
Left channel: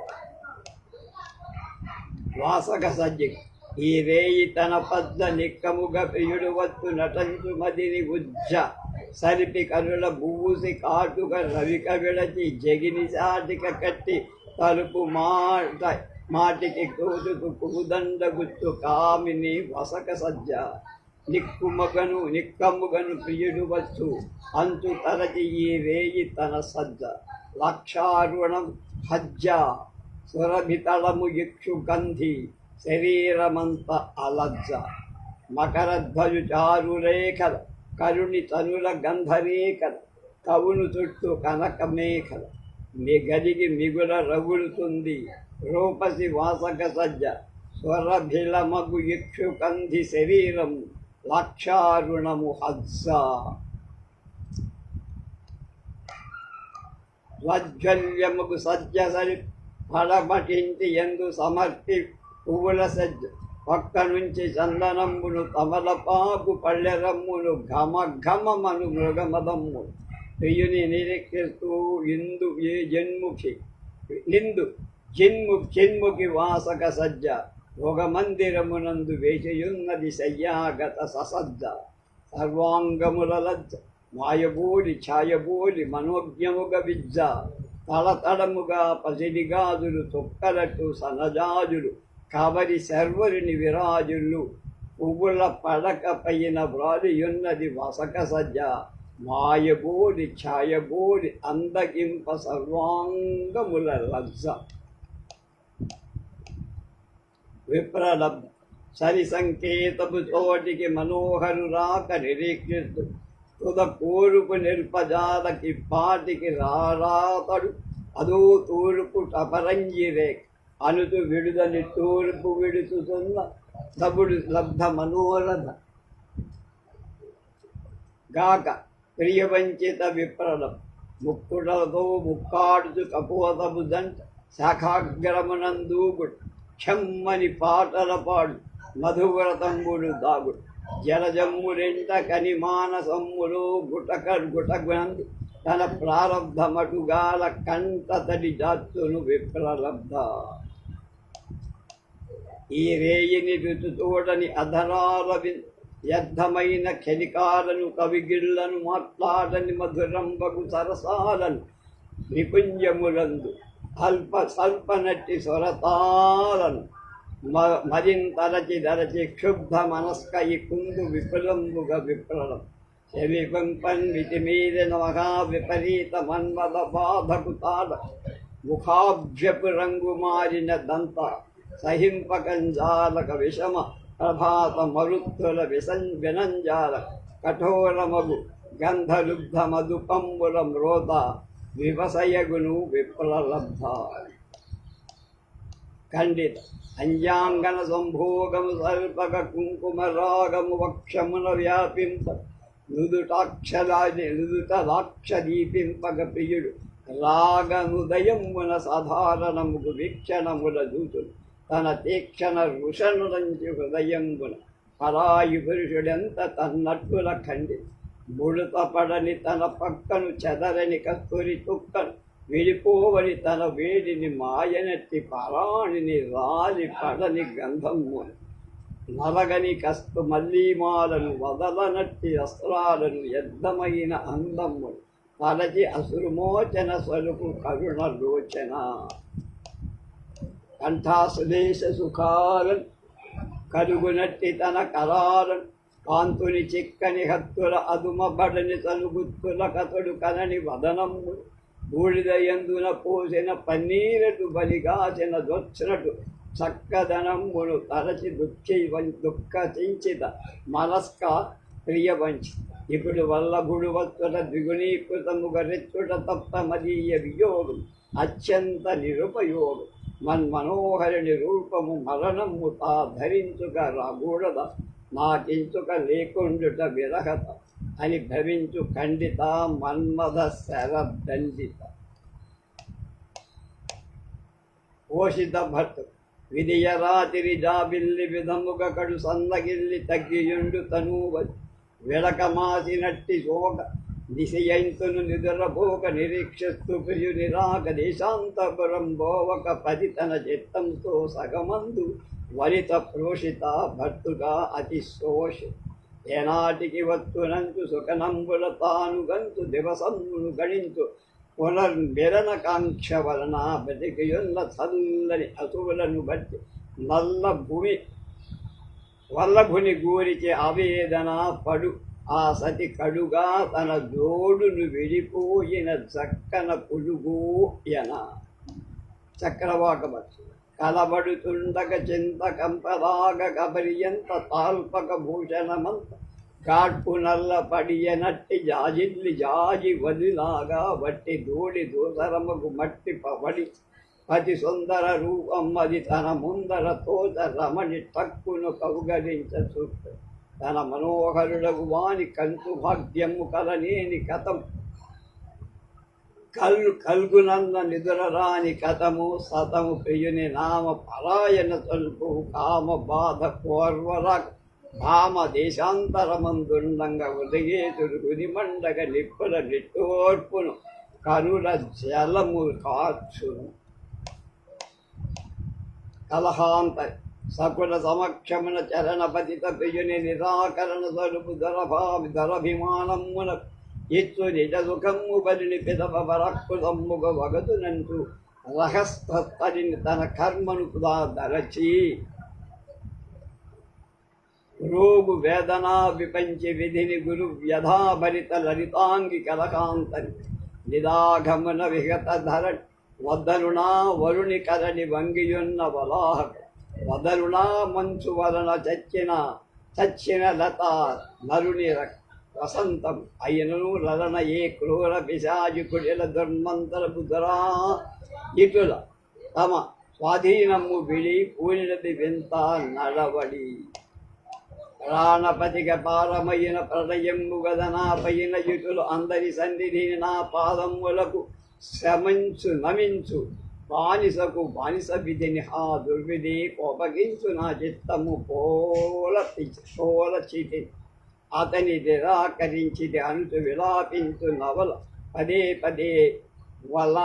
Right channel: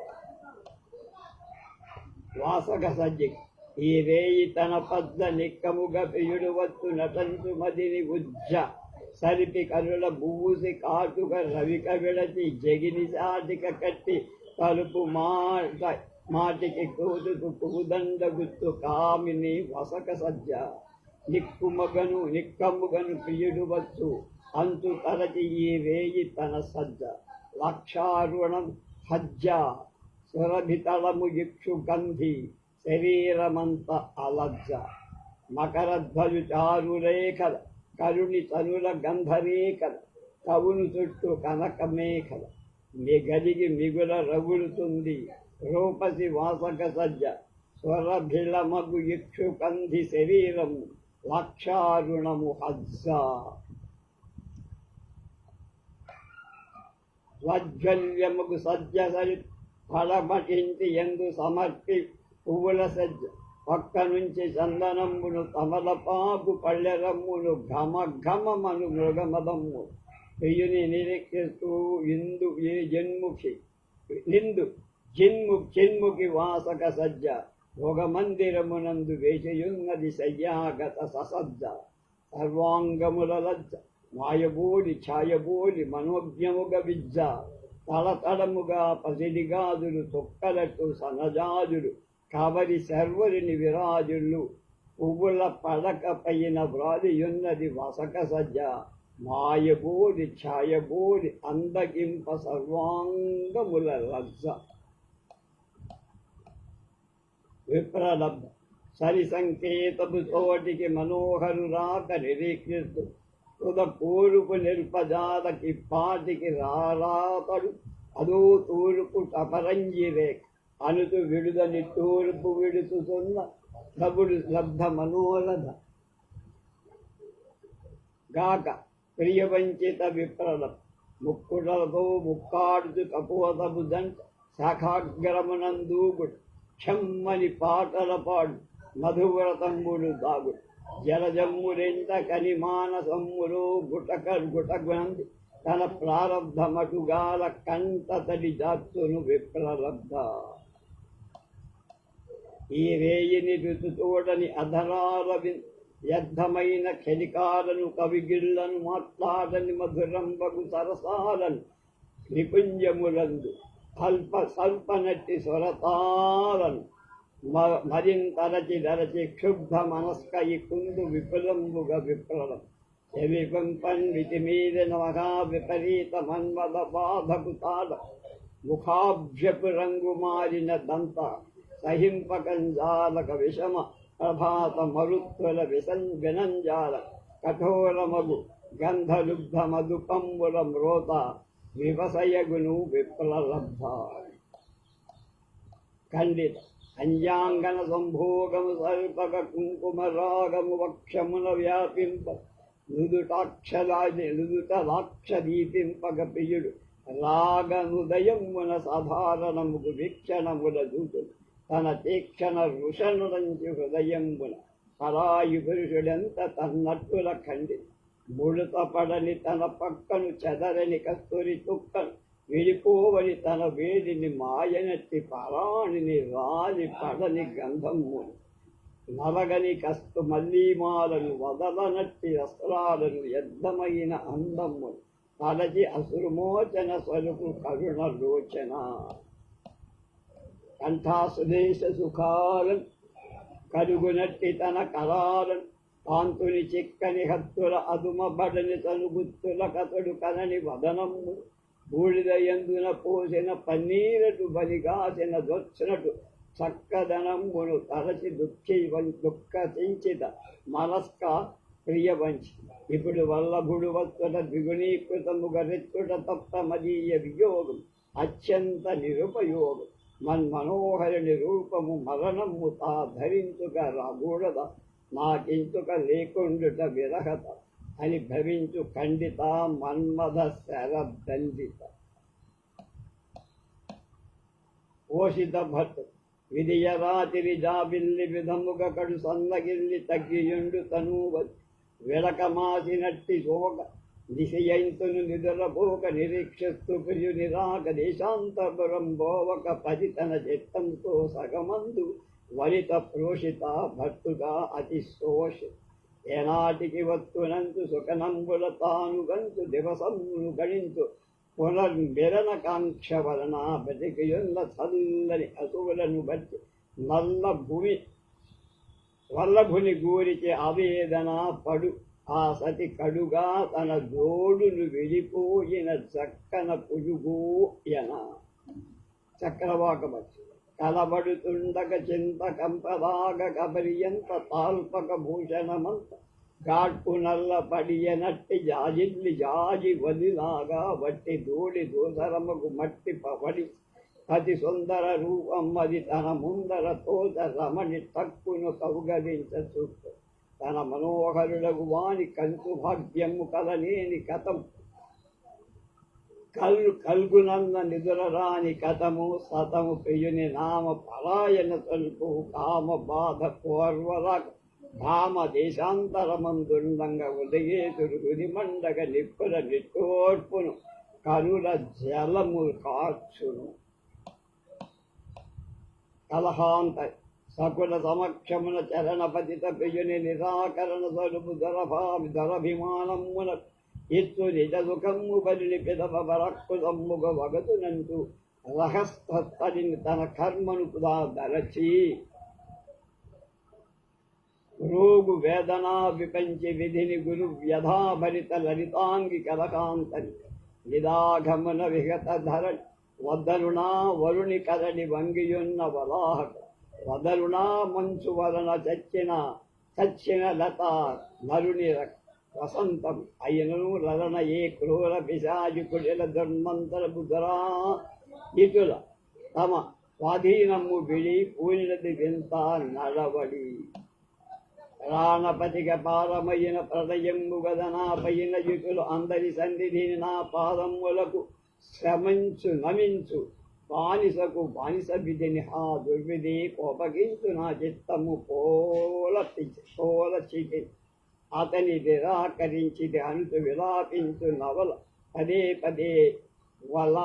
వాసక సజ్జిక ఈ రేయి తన పద్ద నిక్కముగ ప్రియుడు వచ్చు నటంచు మదిని ఉజ్జ. సరిపి కనుల బూసి కాటుక రవిక విడచి జగిని చాటిక కట్టి. తలుపు మాటికి కోటుకు పుదండ గుత్తు కామిని వసక సజ్జ. నిక్కముగను ప్రియుడు వచ్చు అంచు తరచి ఈ రేయి తన సజ్జ. లక్షారుణం హజ్జ సురభితళము ఇక్షు గంధి శరీరమంత అలజ్జ మకరధ్వజు చారురేఖల కరుణి తనుల గంధరేఖల కవును చుట్టూ కనక మేఖల మిగలిగి మిగుల రగులుతుంది రూపసి వాసక సజ్జ స్వరభిలమగు ఇక్షు కంధి శరీరము లక్షారుణము హజ్జ స్వజ్వల్యముకు సజ్జ సరి ఫలమటించి ఎందు సమర్పి పువ్వుల సజ్జ పక్క నుంచి చందనమ్మును తమలపాకు పళ్ళెరమ్మును ఘమ ఘమమను మృగమదమ్ము ప్రియుని నిరీక్షిస్తూ ఇందు ఏ జన్ముఖి నిందు చిన్ముఖి వాసక సజ్జ ఒక మందిరమునందు వేచియున్నది శయ్యాగత ససజ్జ సర్వాంగముల లజ్జ మాయబోలి ఛాయబోలి మనోజ్ఞముగ విజ్జ తడతడముగా పసిడిగాజులు తొక్కలట్టు సనజాజులు కబరి సర్వరిని విరాజులు పువ్వుల పడక పైన వ్రాలియున్నది వసక సజ్జ మాయబోలి ఛాయబోలి అందగింప సర్వాంగముల లజ్జ విప్రలబ్ధ సరి సంకేతపు చోటికి మనోహరు రాక నిరీక్షిస్తూ తుద కోరుపు నిరుపజాలకి పాటికి రారాతడు అదో తూర్పు టపరంజి రేఖ అనుతు విడుదని తూర్పు విడుతున్న సబుడు లబ్ధ మనోరథ గాక ప్రియవంచిత విప్రలం ముక్కుడలతో ముక్కాడుచు కపోతపు దంట శాఖాగ్రమునందూగుడు క్షమ్మని పాటల పాడు మధువ్రతంబుడు దాగుడు జలజమ్మురెంట కనిమానసమ్ములు గుటగునంది తన ప్రారంధమటుగాల కంటతడి జాతును విప్రలబ్ధ ఈ రేయిని రుచుతోడని అధరాల వ్యర్థమైన క్షణికాలను కవిగిళ్లను మాట్లాడని మధురంబగు సరసాలను నిపుంజములందు స్వల్పనట్టి స్వరతాలను మరింతరచి దరచి క్షుబ్ధ మనస్క ఈ కుందు విపులంబుగా విప్రలం శవిపంపన్ వితిమీదన మహా విపరీత మన్మద బాధకు తాడ ముఖాభ్యపు రంగు మారిన దంత సహింపకంజాలక విషమ ప్రభాత మరుత్తుల వినంజాల కఠోరమగు గంధలుబ్ధ మధుపంబుల మ్రోత వివసయగును విప్రలబ్ధ ఖండిత అంజాంగన సంభోగము సల్పక కుంకుమ రాగము వక్షమున వ్యాపింప నుదుట లాక్షదీపింపగ ప్రియుడు రాగనుదయమున సాధారణముకు వీక్షణముల దూతులు తన తీక్షణ ఋషనులంచి హృదయంబున పరాయి పురుషుడెంత తన్నట్టుల ఖండి ముడత పడని తన పక్కను చెదరని కస్తూరి తుక్కను విడిపోవని తన వేడిని మాయనట్టి పరాణిని రాలి పడని గంధమ్మును నలగని కస్తు మల్లీమాలను వదలనట్టి అస్త్రాలను యద్ధమైన అందమ్మును తలచి అసురుమోచన స్వరూపు కరుణ లోచన కంఠాసుదేశ సుఖాలను కలుగునట్టి తన కరాలను కాంతుని చిక్కని హత్తుల అదుమబడని తలుగుత్తుల కతడు కనని వదనమ్ముడు బూడిద ఎందున పోసిన పన్నీరటు బలిగాసిన దొచ్చినటు చక్కదనమ్మును తరచి దుఃఖించిత మనస్క ప్రియవంచి ఇప్పుడు వల్లభుడు వత్తుట ద్విగుణీకృతముగ రెచ్చుట తప్ప మదీయ వియోగం అత్యంత నిరుపయోగం మన్మనోహరుని రూపము మరణము తా ధరించుక రాగూడద నాకించుక లేకుండుట విరహత అని భవించు ఖండిత మన్మథ శరదండిత పోషిత భర్త విధియ రాతిరి జాబిల్లి విధముగ కడు సన్నగిల్లి తగ్గియుండు తనూవది విడకమాసినట్టి శోక దిశయంతును నిదురపోక నిరీక్షిస్తూ ప్రియుని రాక దేశాంతపురం బోవక పది తన చిత్తంతో సగమందు వనిత ప్రోషిత భర్తుగా అతి శోష ఏనాటికి వత్తునంచు సుఖనంబుల తాను గంచు దివసమును గణించు పునర్మిరణ కాంక్ష వలన బతికియున్న చల్లని అసువులను బట్టి వల్లభుని గూరిచి ఆవేదన పడు ఆ సతి కడుగా తన జోడును విడిపోయిన చక్కన పుడుగు ఎన చక్రవాకమచ్చు కలబడుతుండగ చింత కంపరాగ కబరియంత తాల్పక భూషణమంత గాడ్పు నల్ల పడియనట్టి జాజిల్లి జాజి వదిలాగా వట్టి దూడి దూసరముకు మట్టి పడి పతి సుందర రూపం అది తన ముందర తోట రమణి తక్కును కౌగలించ చూస్తూ తన మనోహరుడగు వాని కంచు భాగ్యము కలనేని కథం కల్గునన్న నిదురరాని కథము సతము ప్రియుని నామ పరాయణ తలుపు కామ బాధ కోర్వర భామ దేశాంతరమందుండంగా ఉదయేతుడు గునిమండగ నిప్పుల నిట్టోర్పును కనుల జలము కార్చును కలహాంత సకుల సమక్షమున చరణ పతిత ప్రియుని నిరాకరణ సలుపు దరభిమానమున ఇచ్చు నిజ సుఖము బలిని పిదవ వరక్కుదమ్ముగ వగదునంటూ రహస్తరిని తన కర్మను దరచి రోగు వేదనా విపంచి విధిని గురు వ్యధాభరిత లలితాంగి కలకాంతని నిదాఘమున విగత ధర వదలునా వరుణి కరణి వంగియున్న వలాహక వదలునా మంచు వలన చచ్చిన లత నరుని వసంతం అయినను లలన ఏ క్రూర పిశాచుకుడిల దుర్మంతర బుధరా ఇటుల తమ స్వాధీనము విడి పూనినది వింత నడవడి ప్రాణపతిక పారమైన ప్రళయము గదనా పైన ఇటులు అందరి సన్నిధిని నా పాదములకు నమించు బానిసకు బానిస విధిని ఆ దుర్విధి కోపగించు నా చిత్తము పోల చితి అతని నిరాకరించిది అనుచు విలాపించు నవల పదే పదే వల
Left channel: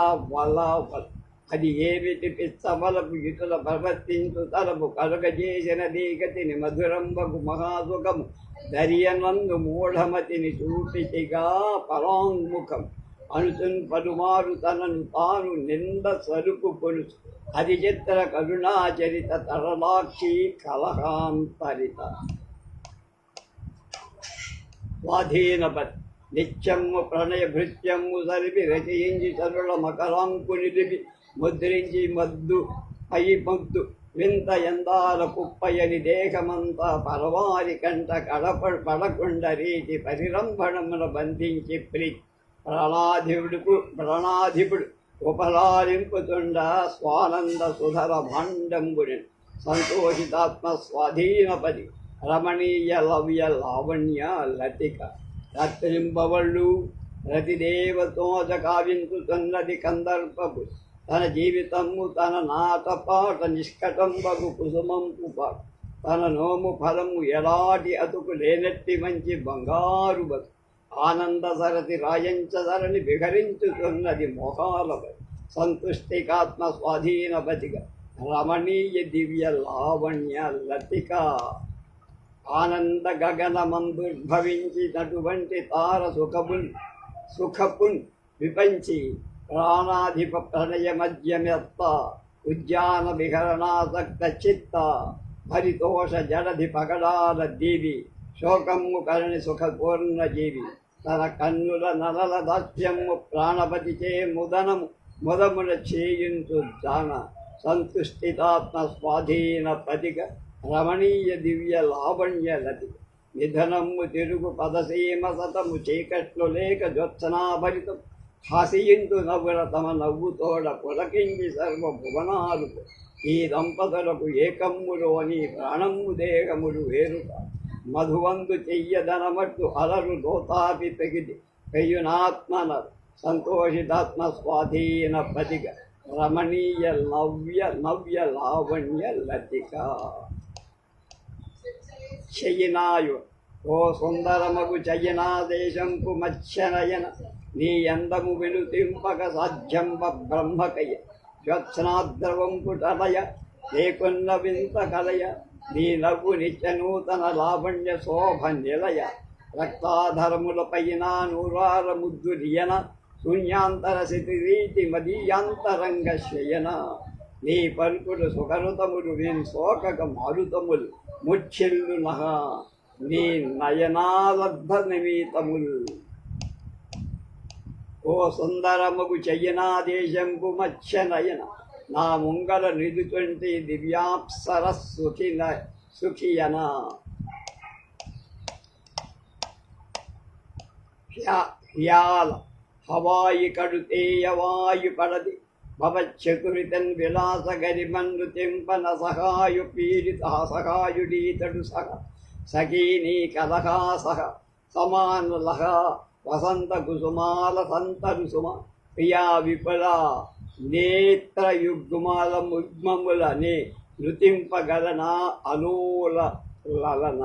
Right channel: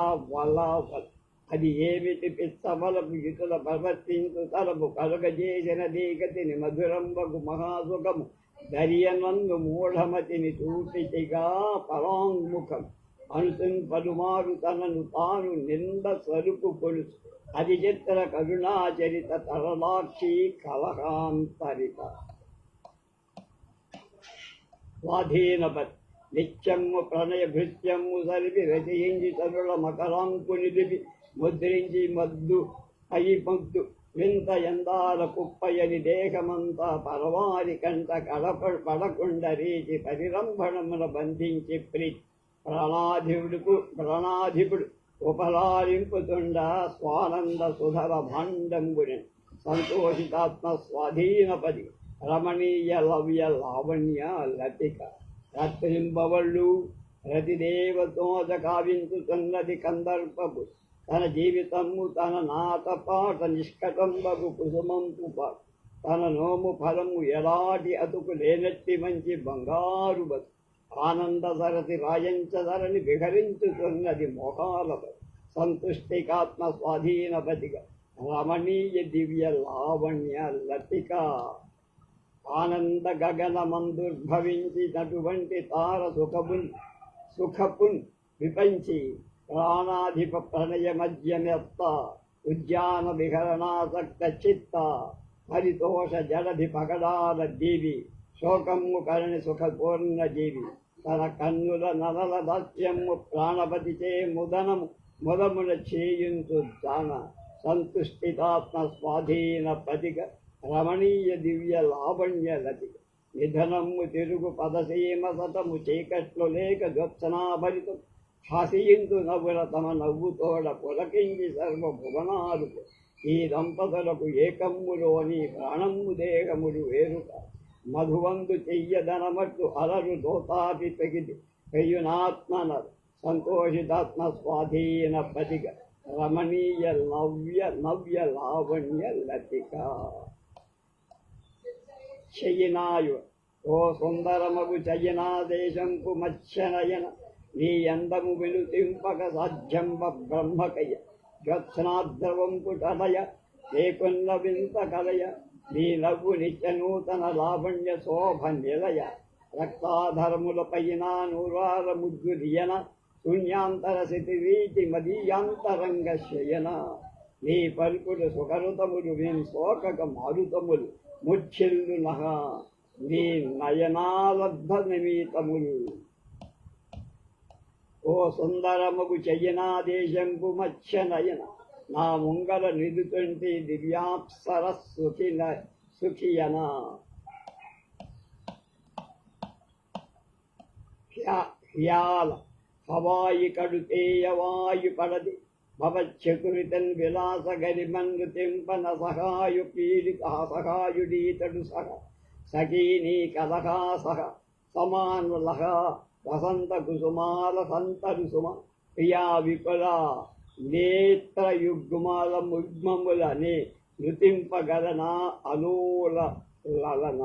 అది ఏమిటి పిచ్చవలపు ఇటుల ప్రవర్తించు తలపు కలుగజేసిన దీగతిని మధురంబకు మహాసుఖము దరియనందు మూఢమతిని చూపితిగా పరాంగుఖం అనుచున్ పలుమారు తనను తాను నింద సరుపు కొలుచు అది చిత్ర కరుణాచరిత తరలాక్షి కలహాంతరిత స్వాధీనపతి నిత్యము ప్రణయ భృత్యము సరిపి రచయించి తరుల మకరాంకునిలిపి ముద్రించి మద్దు ముద్దు వింత ఎందాల కుప్పయని దేహమంతా పరవారి కంట పడకుండ రీతి పరిరంభణమున బంధించి ప్రాణాధిపుడు ఉపలాలింపుతుండ స్వానంద సుధర భాండంబుని సంతోషితాత్మ స్వాధీనపది రమణీయ లవ్య లావణ్య లతిక రత్రింబవళ్ళు రతిదేవతోజ కావించుతున్నది కందర్పపు తన జీవితము తన నాటపాట నిష్కటంబగు కుసుమంపు తన నోము ఫలము ఎలాంటి అతుకు లేనట్టి మంచి బంగారు బతు ఆనంద సరతి రాయంచధరని విహరించుతున్నది మోహాలపై సంతుష్టికాత్మ స్వాధీనపతిగా రమణీయ దివ్య లావణ్య లతిక ఆనంద గగనమందుర్భవించినటువంటి తార సుఖపున్ విపంచి ప్రాణాధిప ప్రణయ మధ్యమెత్త ఉద్యాన విహరణాసక్త చిత్త పరితోష జడధి పగడాల దీవి శోకము కరణి సుఖపూర్ణ జీవి తన కన్నుల నలల దాస్యము ప్రాణపతిచే ముదమున చేయించు జాన సంతుష్టితాత్మ స్వాధీన పతిక రమణీయ దివ్య లావణ్య లతిక నిధనము తిరుగు పదసీమ సతము చీకట్లు లేక జ్యోత్సనాభరితం హాసియించు నవ్వుల తమ నవ్వుతోడ పులకించి సర్వభువనాలు ఈ దంపతులకు ఏకమ్ములోని ప్రాణము దేహములు వేరుక మధువందు చెయ్యదనమట్టు అలరు దోతాపి పెగిది పెయ్యునాత్మన సంతోషితాత్మ స్వాధీన పతిక రమణీయ నవ్య లావణ్య లతిక చెయ్యినాయు ఓ సుందరమగు చయ్యనా దేశంపు మత్స్యనయన నీ అందము వెలుతింపక సాధ్యంబ బ్రహ్మకయ్య జ్యోత్స్నాద్రవంపు టలయ లేకున్న వింత కలయ నీ నవ్వు నిత్య నూతన లావణ్య శోభ నిలయ రక్తాధరముల పైన నూరార ముద్దు రియన శూన్యాంతర రీతి మదీయాంతరంగ శయన నీ పలుకులు సుఖరుతములు నేను శోకక మారుతములు ముచ్చిల్లు నహ నీ నయనాలబ్ధ నిమీతములు ఓ సుందరముగు చెయ్యనా దేశంపు మత్స్య నయన నా ముంగల నిలుచుంటి దివ్యాప్సర సుఖియన హ్యాల హవాయి కడుతేయవాయు పడది భవచ్చకురితన్ విలాస గరిమన్నుతింపన సహాయు పీడిత సహాయుడీతడు సహ సఖీనీ కలహా సహ సమానలహ వసంత కుసుమాల సంతరుసుమ ప్రియా విపుల నేత్రయుగ్మాల ముగ్మములనే నృతింపగలన అలోల లలన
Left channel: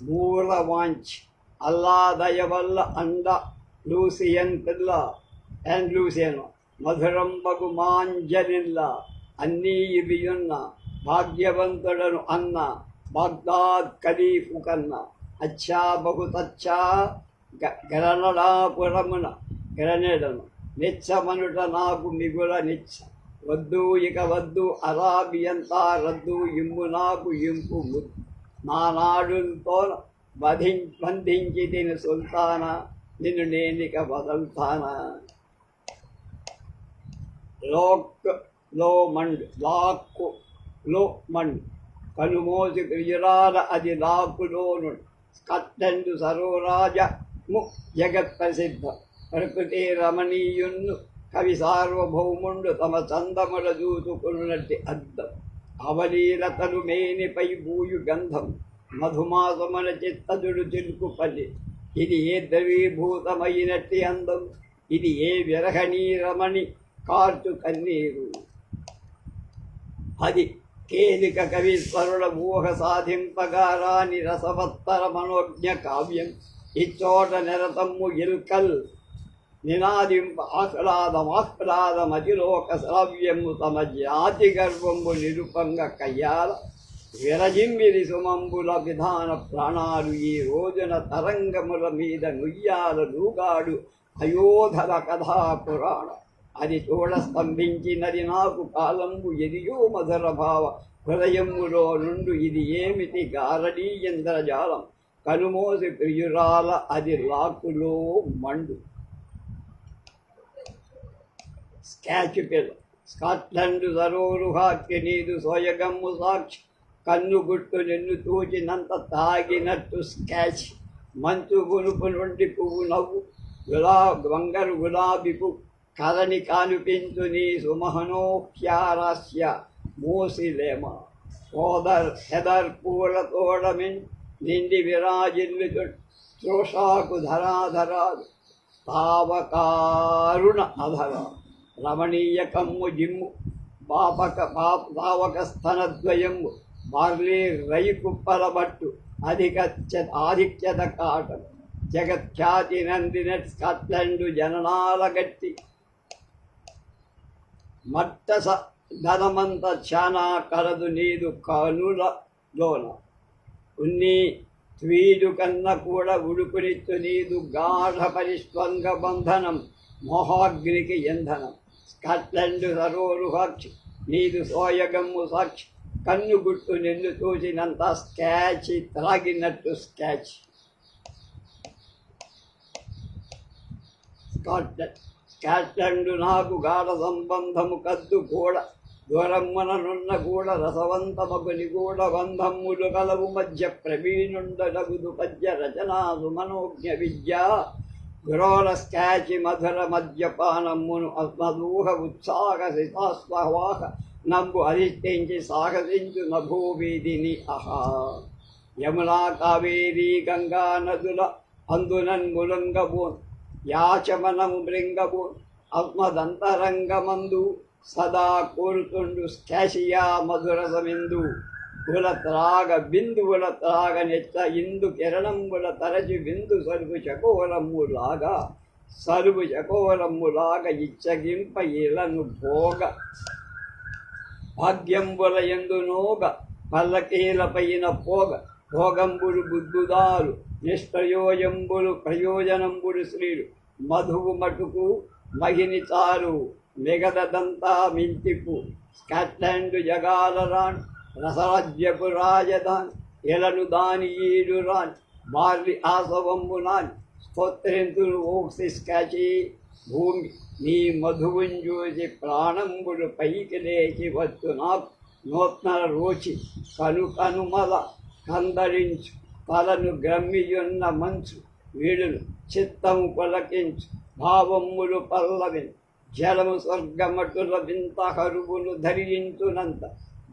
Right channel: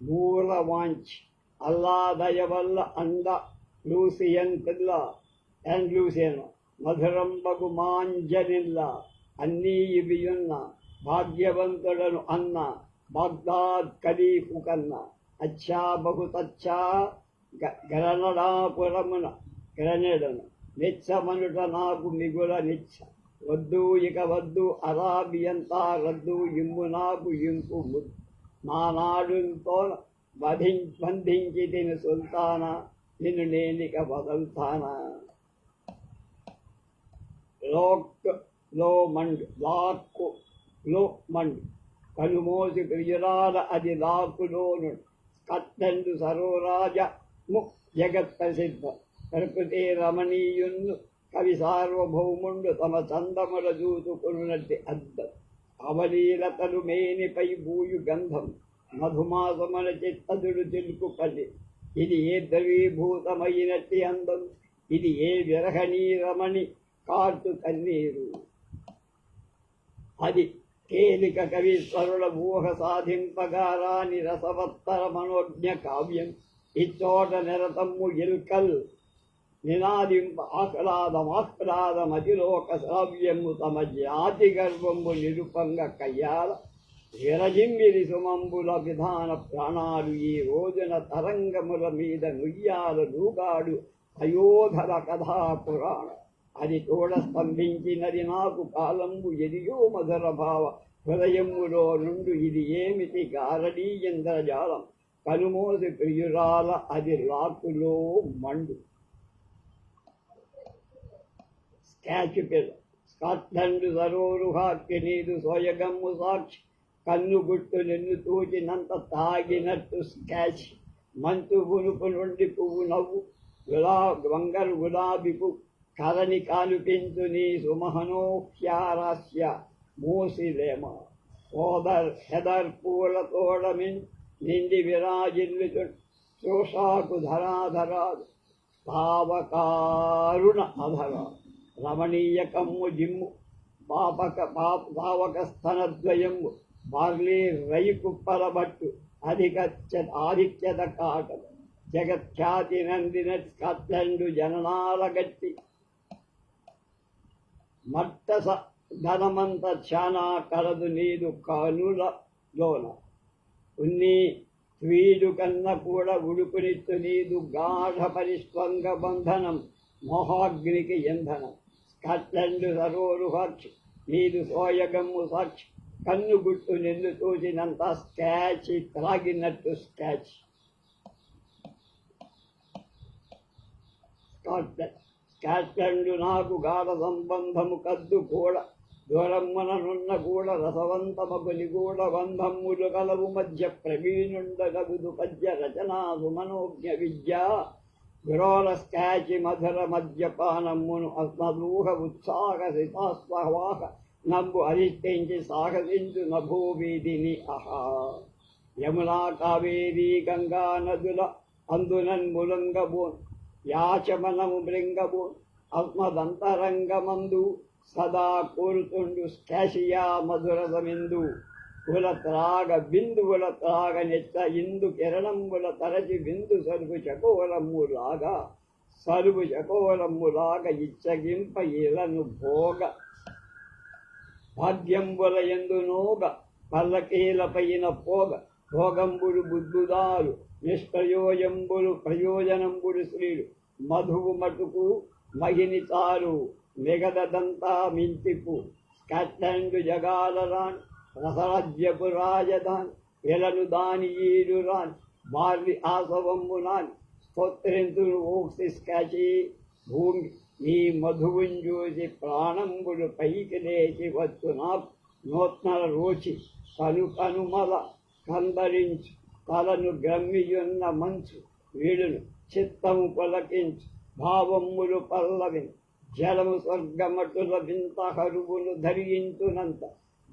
మూలవాంచ్ అల్లా దయవల్ల అండ లూసియన్ పిల్ల అండ్ లూసియన్ మధురంబగు మాంజనిల్ల అన్నీ ఇవియున్న భాగ్యవంతుడను అన్న బాగ్దాద్ ఖలీఫు కన్న అచ్చా బహుతచ్చా గరణడాపురమున గరణెడను నిచ్చమనుట నాకు మిగుల నిచ్చ వద్దు ఇక వద్దు అరాబియంతా రద్దు ఇమ్ము నాకు ఇంపు ముద్దు నానాడుతో బంధించి తిని సుల్తానా నిన్ను నేనిక వదల్తానా లో మండ్ లాక్కు లో మండ్ కనుమోసి ప్రియురాల అది లాకులోను స్కాట్లాండు సరోరాజ జగత్ ప్రసిద్ధ ప్రకృతి రమణీయున్ను కవి సార్వభౌముండు తమ చందముల చూసుకున్నట్టి అద్దం అవలీలతలు మేనిపై భూయు గంధం మధుమాసమున చిత్తజుడు చిలుకుపల్లి ఇది ఏ ద్రవీభూతమైనట్టి అందం ఇది ఏ విరహణీ రమణి కార్చు కన్నీరు అది కేలిక కవీశ్వరుల ఊహ సాధింపగారాని రసవత్తర మనోజ్ఞ కావ్యం ఇచ్చోట నిరతమ్ము ఇల్కల్ నినాదింప ఆహ్లాదమాహ్లాదమతిలోక శ్రావ్యము తమ జాతి గర్వము నిరుపంగ కయ్యాల విరజింబిరి సుమంబుల విధాన ప్రాణాలు ఈ రోజున తరంగముల మీద నుయ్యాల నూగాడు అయోధర కథా పురాణ అది చూడ స్తంభించినది నాకు కాలంబు ఎదియో మధుర భావ హృదయములో నుండు ఇది ఏమిటి గారడీ ఇంద్రజాలం కనుమోసి ప్రియురాల అది లాకులో మండు స్కాచ్ పిల్ల స్కాట్లాండ్ సరోరుహాక్య నీదు సోయగమ్ము సాక్షి కన్నుగుట్టు నిన్ను తూచినంత తాగినట్టు స్కాచ్ మంచు గునుపు నుండి పువ్వు నవ్వు బంగారు గులాబీపు కరణి కానుపించు నీ సుమహనోహ్యారాస్య మూసిలేమ హెదర్ పూల తోడమిన్ నిండి విరాజిల్లు శ్రోషాకు ధరాధరాలు తావకారుణ అధర రమణీయ కమ్ము జిమ్ము పావక స్తనద్వయము బార్లీ రైకుప్పలబట్టు ఆధిక్యత కాటం జగఖ్యాతి నందిన స్కాట్లాండు జననాల గట్టి మట్టస ధనమంత చానా కలదు నీదు కనులలోన ఉన్ని త్వీడు కన్న కూడా ఉడుకునిత్తు నీదు గాఢ పరిస్వంగ బంధనం మోహాగ్నికి ఇంధనం స్కాట్లాండ్ సరోరు సాక్షి నీదు సోయగమ్ము సాక్షి కన్ను గుట్టు నిన్ను చూసినంత స్కాచ్ త్రాగినట్టు స్కాచ్ స్కాట్లాండ్ నాకు గాఢ సంబంధము కద్దు కూడా దూరమ్మననున్న కూడా రసవంతమగు నిగూఢ బంధమ్ములు కలవు మధ్య ప్రవీణుండగుదు పద్య రచనాసు మనోజ్ఞ విద్య గురోల స్కాచి మధుర మద్యపానమ్మును అస్మదూహ ఉత్సాహసితాస్వాహ నంబు అధిష్ఠించి సాహసించు నభూవీధిని అహా యమునా కావేరీ గంగా నదుల అందునన్ ములంగబోన్ యాచమనము మృంగబోన్ ఆత్మదంతరంగమందు సదా కోరుతుండు స్కాషియా మధురసమిందు కుల త్రాగ బిందువుల త్రాగ నెచ్చ ఇందు కిరణంబుల తరచి బిందు సరుగు చకోరమ్ములాగా ఇచ్చగింప ఇలను భోగ భాగ్యంబుల ఎందునోగ పల్లకీలపైన పోగ భోగంబులు బుద్ధుదారు నిష్ప్రయోజంబులు ప్రయోజనంబులు శ్రీలు మధువు మటుకు మహిని చారు మిగదదంతా మింతిపు స్కాట్లాండ్ జగాలరాన్ రసరాజ్యపు రాజధాన్ ఎలను దాని ఈడు రాన్ బార్లి ఆసవంబు నాన్ స్తోత్రింతులు ఓక్సి స్కాచి నీ మధువుని చూసి ప్రాణంబులు పైకి లేచి వచ్చు నాకు నూత్న రోచి కనుమల కందరించు తలను గ్రమ్మియున్న మంచు వీడును చిత్తము పలకించు భావములు పల్లవిన్ జలము స్వర్గమటుల వింత కరువును ధరించునంత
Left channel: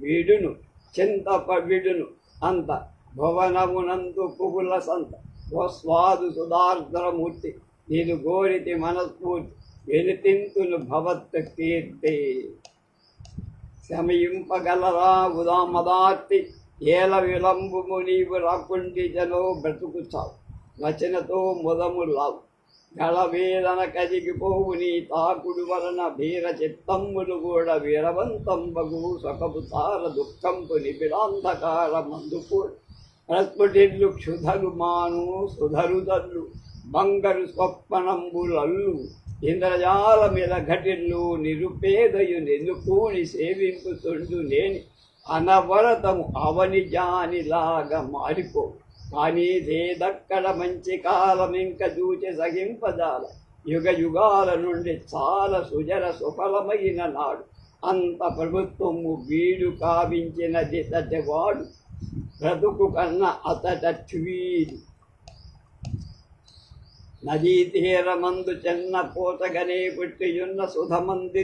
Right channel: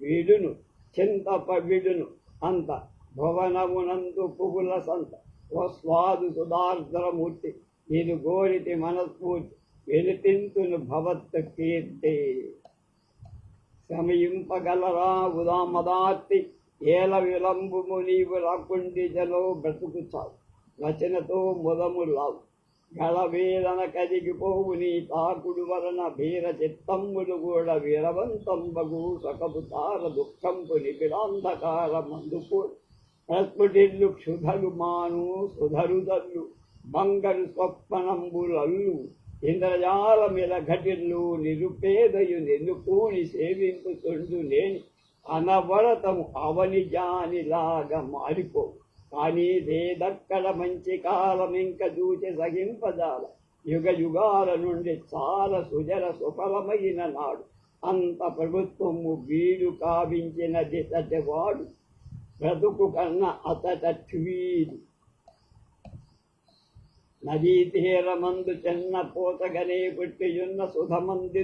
వీడును చింతప విడును అంత భువనమునందు పువ్వుల సంత ఓ స్వాదు సుధార్ద్రమూర్తి నేను గోరితి మనస్ఫూర్తి వెలితింతును భవత్ కీర్తి శమయింపగలరా ఉదామదార్తి ఏల విలంబుము నీవు రాకుండి జలో బ్రతుకుచావు వచనతో ముదము లావు గళవేదన కదిగిపోవు నీ తాకుడు వలన భీర చిత్తమ్ములు కూడా వీరవంతంబగు సొకపు తార దుఃఖంపు నిబిడాంధకార మందుకు ప్రస్ఫుటిల్లు క్షుధలు మాను సుధరుదల్లు బంగరు స్వప్నంబులల్లు ఇంద్రజాల మీద ఘటిల్లు నిరుపేదయు నెల్లుకూని సేవింపుతుండు నేని అనవరతము అవని జానిలాగా మారిపో కానీ దేదక్కడ మంచి కాలం ఇంక చూచి సహింపజాల యుగ యుగాల నుండి చాలా సుజర సుఫలమైన నాడు అంత ప్రభుత్వము వీడు కావించినది తటవాడు బ్రతుకు కన్నా అతటీడు నదీ తీరమందు చెన్న పోతగనే పుట్టియున్న సుధమంది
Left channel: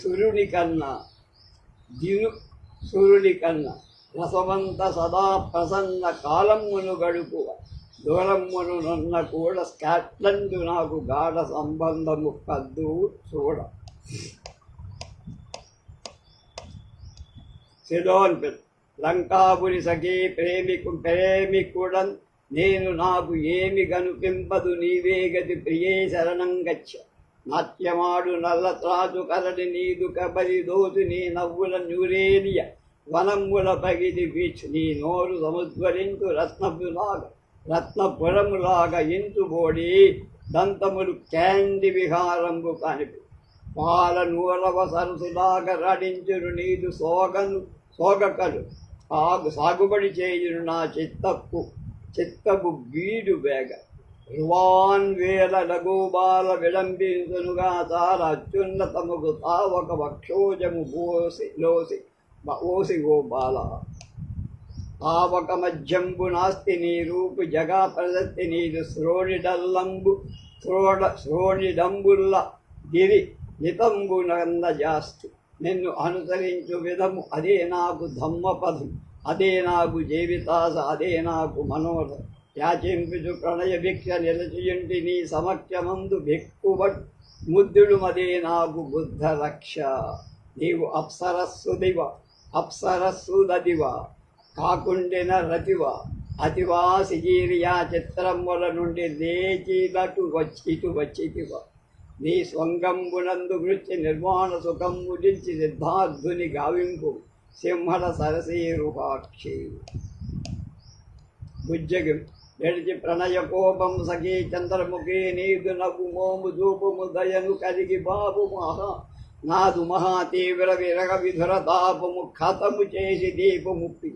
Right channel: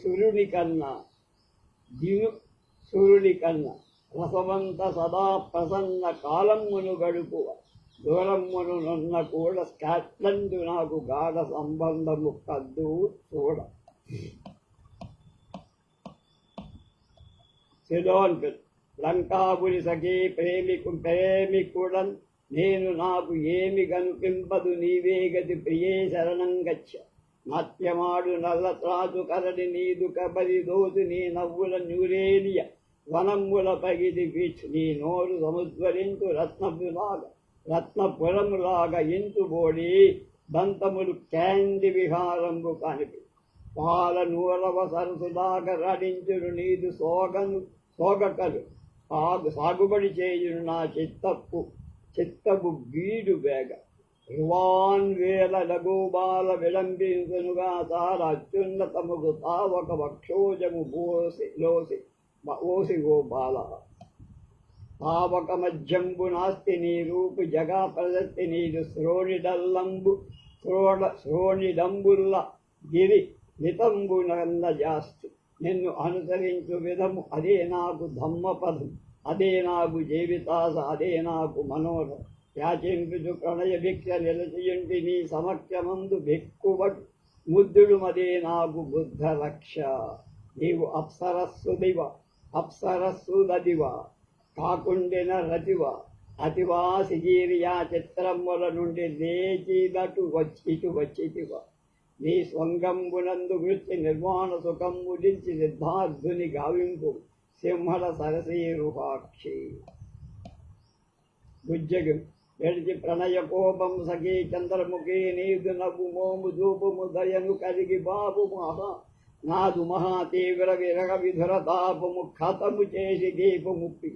సురుని కన్నా సూర్యుని కన్నా రసవంత సదా ప్రసన్న కాలమును గడుపువ దూరమును నన్న కూడా స్కాట్లాండ్ నాకు గాఢ సంబంధము కద్దు చూడ సిడోన్ లంకాపురి సఖీ ప్రేమికుడన్ నేను నాకు ఏమి కనుపింపదు నీవే గతి ప్రియే శరణం గచ్చ నాట్యమాడు నల్ల త్రాజు కరడి నీదు కబరి దోచు నీ నవ్వుల న్యూరేలియ వనముల పగిది బీచ్ నీ నోరు సముద్వరించు రత్నపురములాగా ఇంచుబోడి దంతములు క్యాండి విహారంబు కనిపి పాల నూరవ సరసులాగా రడించును నీదు సోగకలు సాగుబడి చేయును నా చిత్తపు బీడు వేగ రువాన్ వేల లఘుబాల విలంబించునుగా చాలా అత్యున్నతముకు తావక వక్షోజము ఓసి ఓ బాల తావక మధ్యంబు నాస్తి నీ రూపు జగా ప్రదత్తి నీదు శ్రోణిడంబుల్ల గిరి నితంబునంద జాస్తి నిన్ను అనుసరించు విధము అదే నాకు ధమ్మపదం అదే నాకు జీవితాస అదే నాకు మనోరథం యాచింపుచు ప్రణయ భిక్ష నిలచియుంటి నీ సమక్షమందు భిక్కుబట్ ముద్దుడు మదే నాకు బుద్ధ రక్ష నీవు అప్సరస్సుదదివ కాకుండిన రతివ అతివా సిజీరియా చిత్రముల నుండి లేచినటు ఇటు వచ్చితివ నీ స్వంగంబునందు వృత్తి నిర్మాణ సుఖంబు దించి సిద్ధార్థుని గావింపు సింహల సరసీరుహాక్షి భుజగం ఎడిచి ప్రణయ కోపం సఖీ చంద్రముఖి నీదు నవ్వు మోము దూపుము దయను కలిగి బాబు నాదు మహాతీవ్ర విరగ విధుర తాపము ఖతము చేసి దీపముప్పి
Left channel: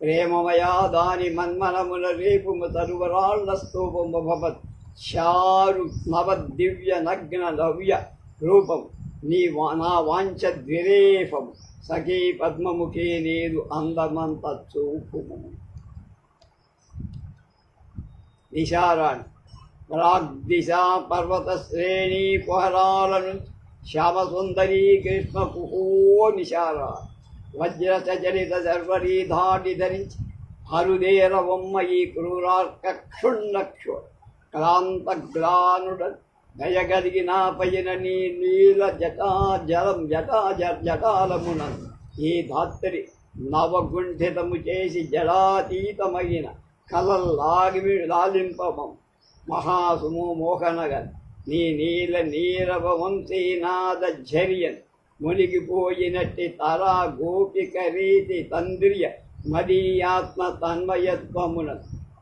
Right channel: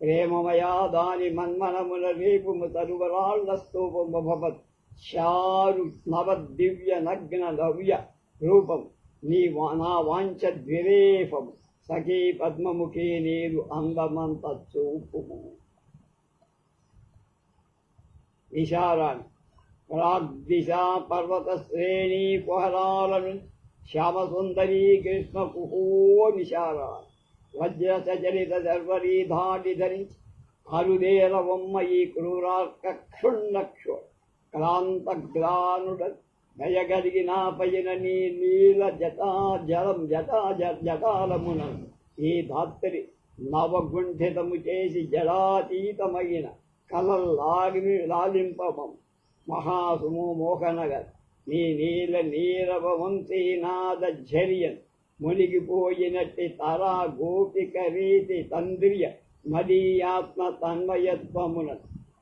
ప్రేమమయా దాని మన్మనముల రేపుము తరువరాళ్ల స్తూపము భవత్ చారు నవదివ్య నగ్న నవ్య రూపం నా వాంఛ ద్విరేఫము సఖీ పద్మముఖి నీరు అందమంత చూపుము నిశారాణి ప్రాగ్దిశా పర్వత శ్రేణి కుహరాల నుంచి శ్యామసుందరీ కృష్ణ కుహో నిశారా వజ్రచలిత శర్వరీ ధాటి ధరించి అరుదేర బొమ్మ ఈ క్రూరార్కక్షుణ్ణక్షు క్రాంతగ్లానుడ దయగలిగిన పైన నీ నీల జటాలమున ఈ ధాత్రి నవగుంఠితము చేసి జడాతీతమైన లాలింపమం మహాసుమో మోహనగర్ నీ నీల నీరవ వంశీనాద ఝరియన్ మునిగిపోయినట్టి తరా గోపిక రీతి తంద్రియ మదీయాత్మ తన్మయత్వమున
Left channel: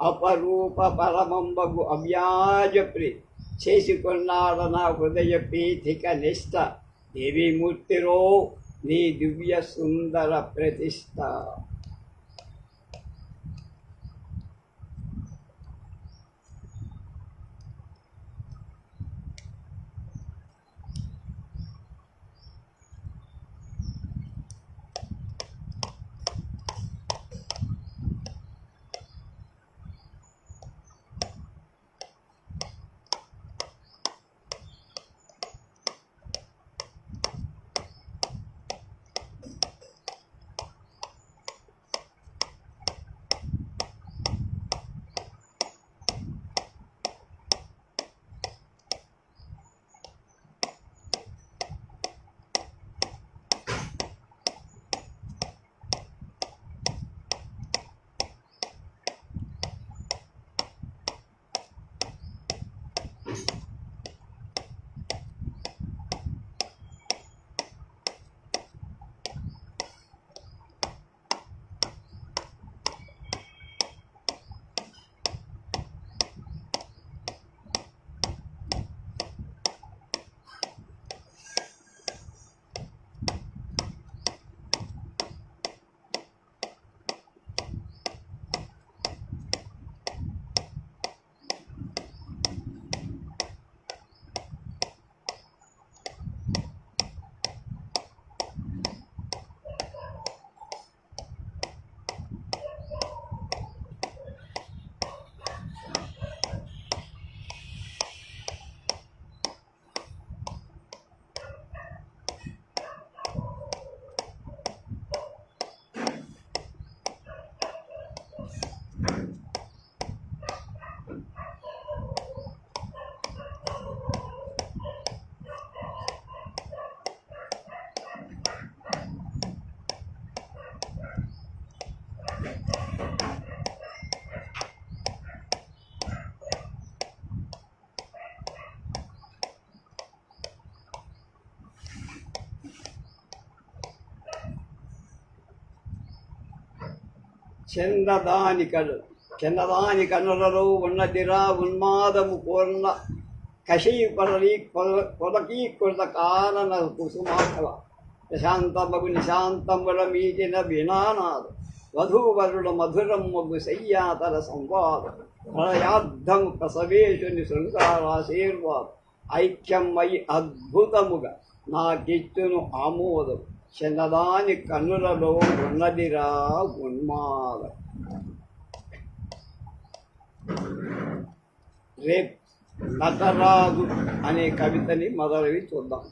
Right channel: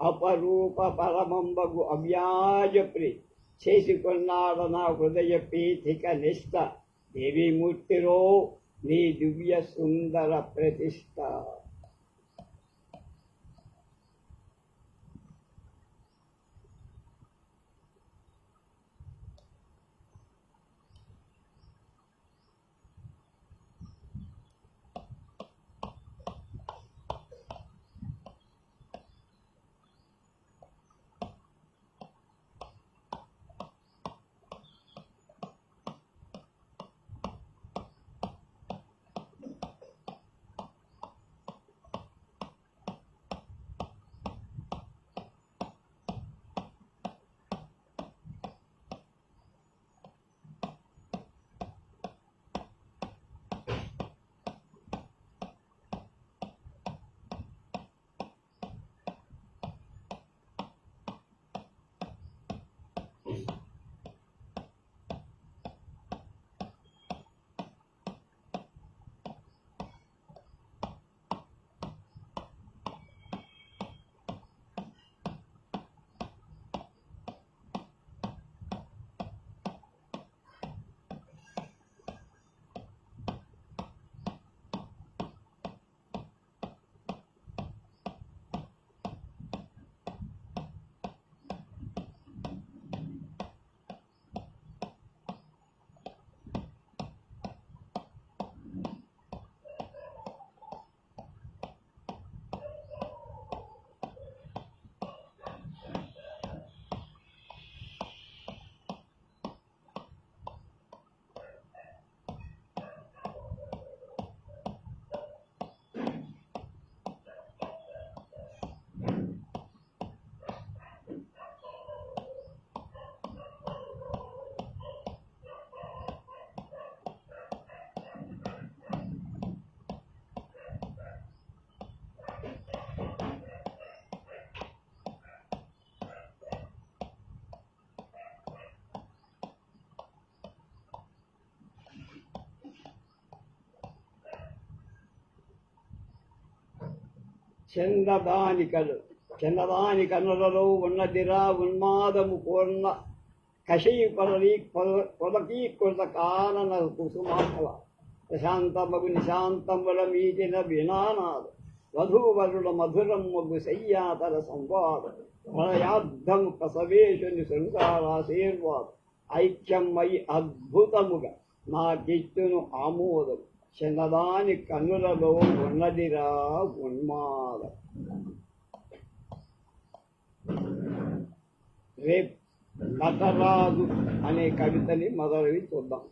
అపరూప పరమంబగు అవ్యాజప్రి చేసుకున్నాడ నా హృదయ పీఠిక నిష్ట దేవీమూర్తిరో నీ దివ్య సుందర ప్రతిష్ట. చిన్నదాని కనులలో ఉన్నదిరా ఉన్మాదము పూర్ణ కషీపరలి కొలకీకృత కారణ కుసుమాకల ప్రశాంతమగు నిశాంతముల మీటిన వినానాదు వధూవరుల మధురం మగు శయ్యాతర సంవాద ప్రళయార్థం ప్రసవేశుని శృంగారాశీర్వాదం ఐక్యమై అద్భుతముగా నాకిచ్చును ఆమోదం చిన్నదాని కన్నులలో ఉన్నదిరా ఉన్మాదం. రేపు నటరాజు అనే కవితని మొదలవి చూద్దాం.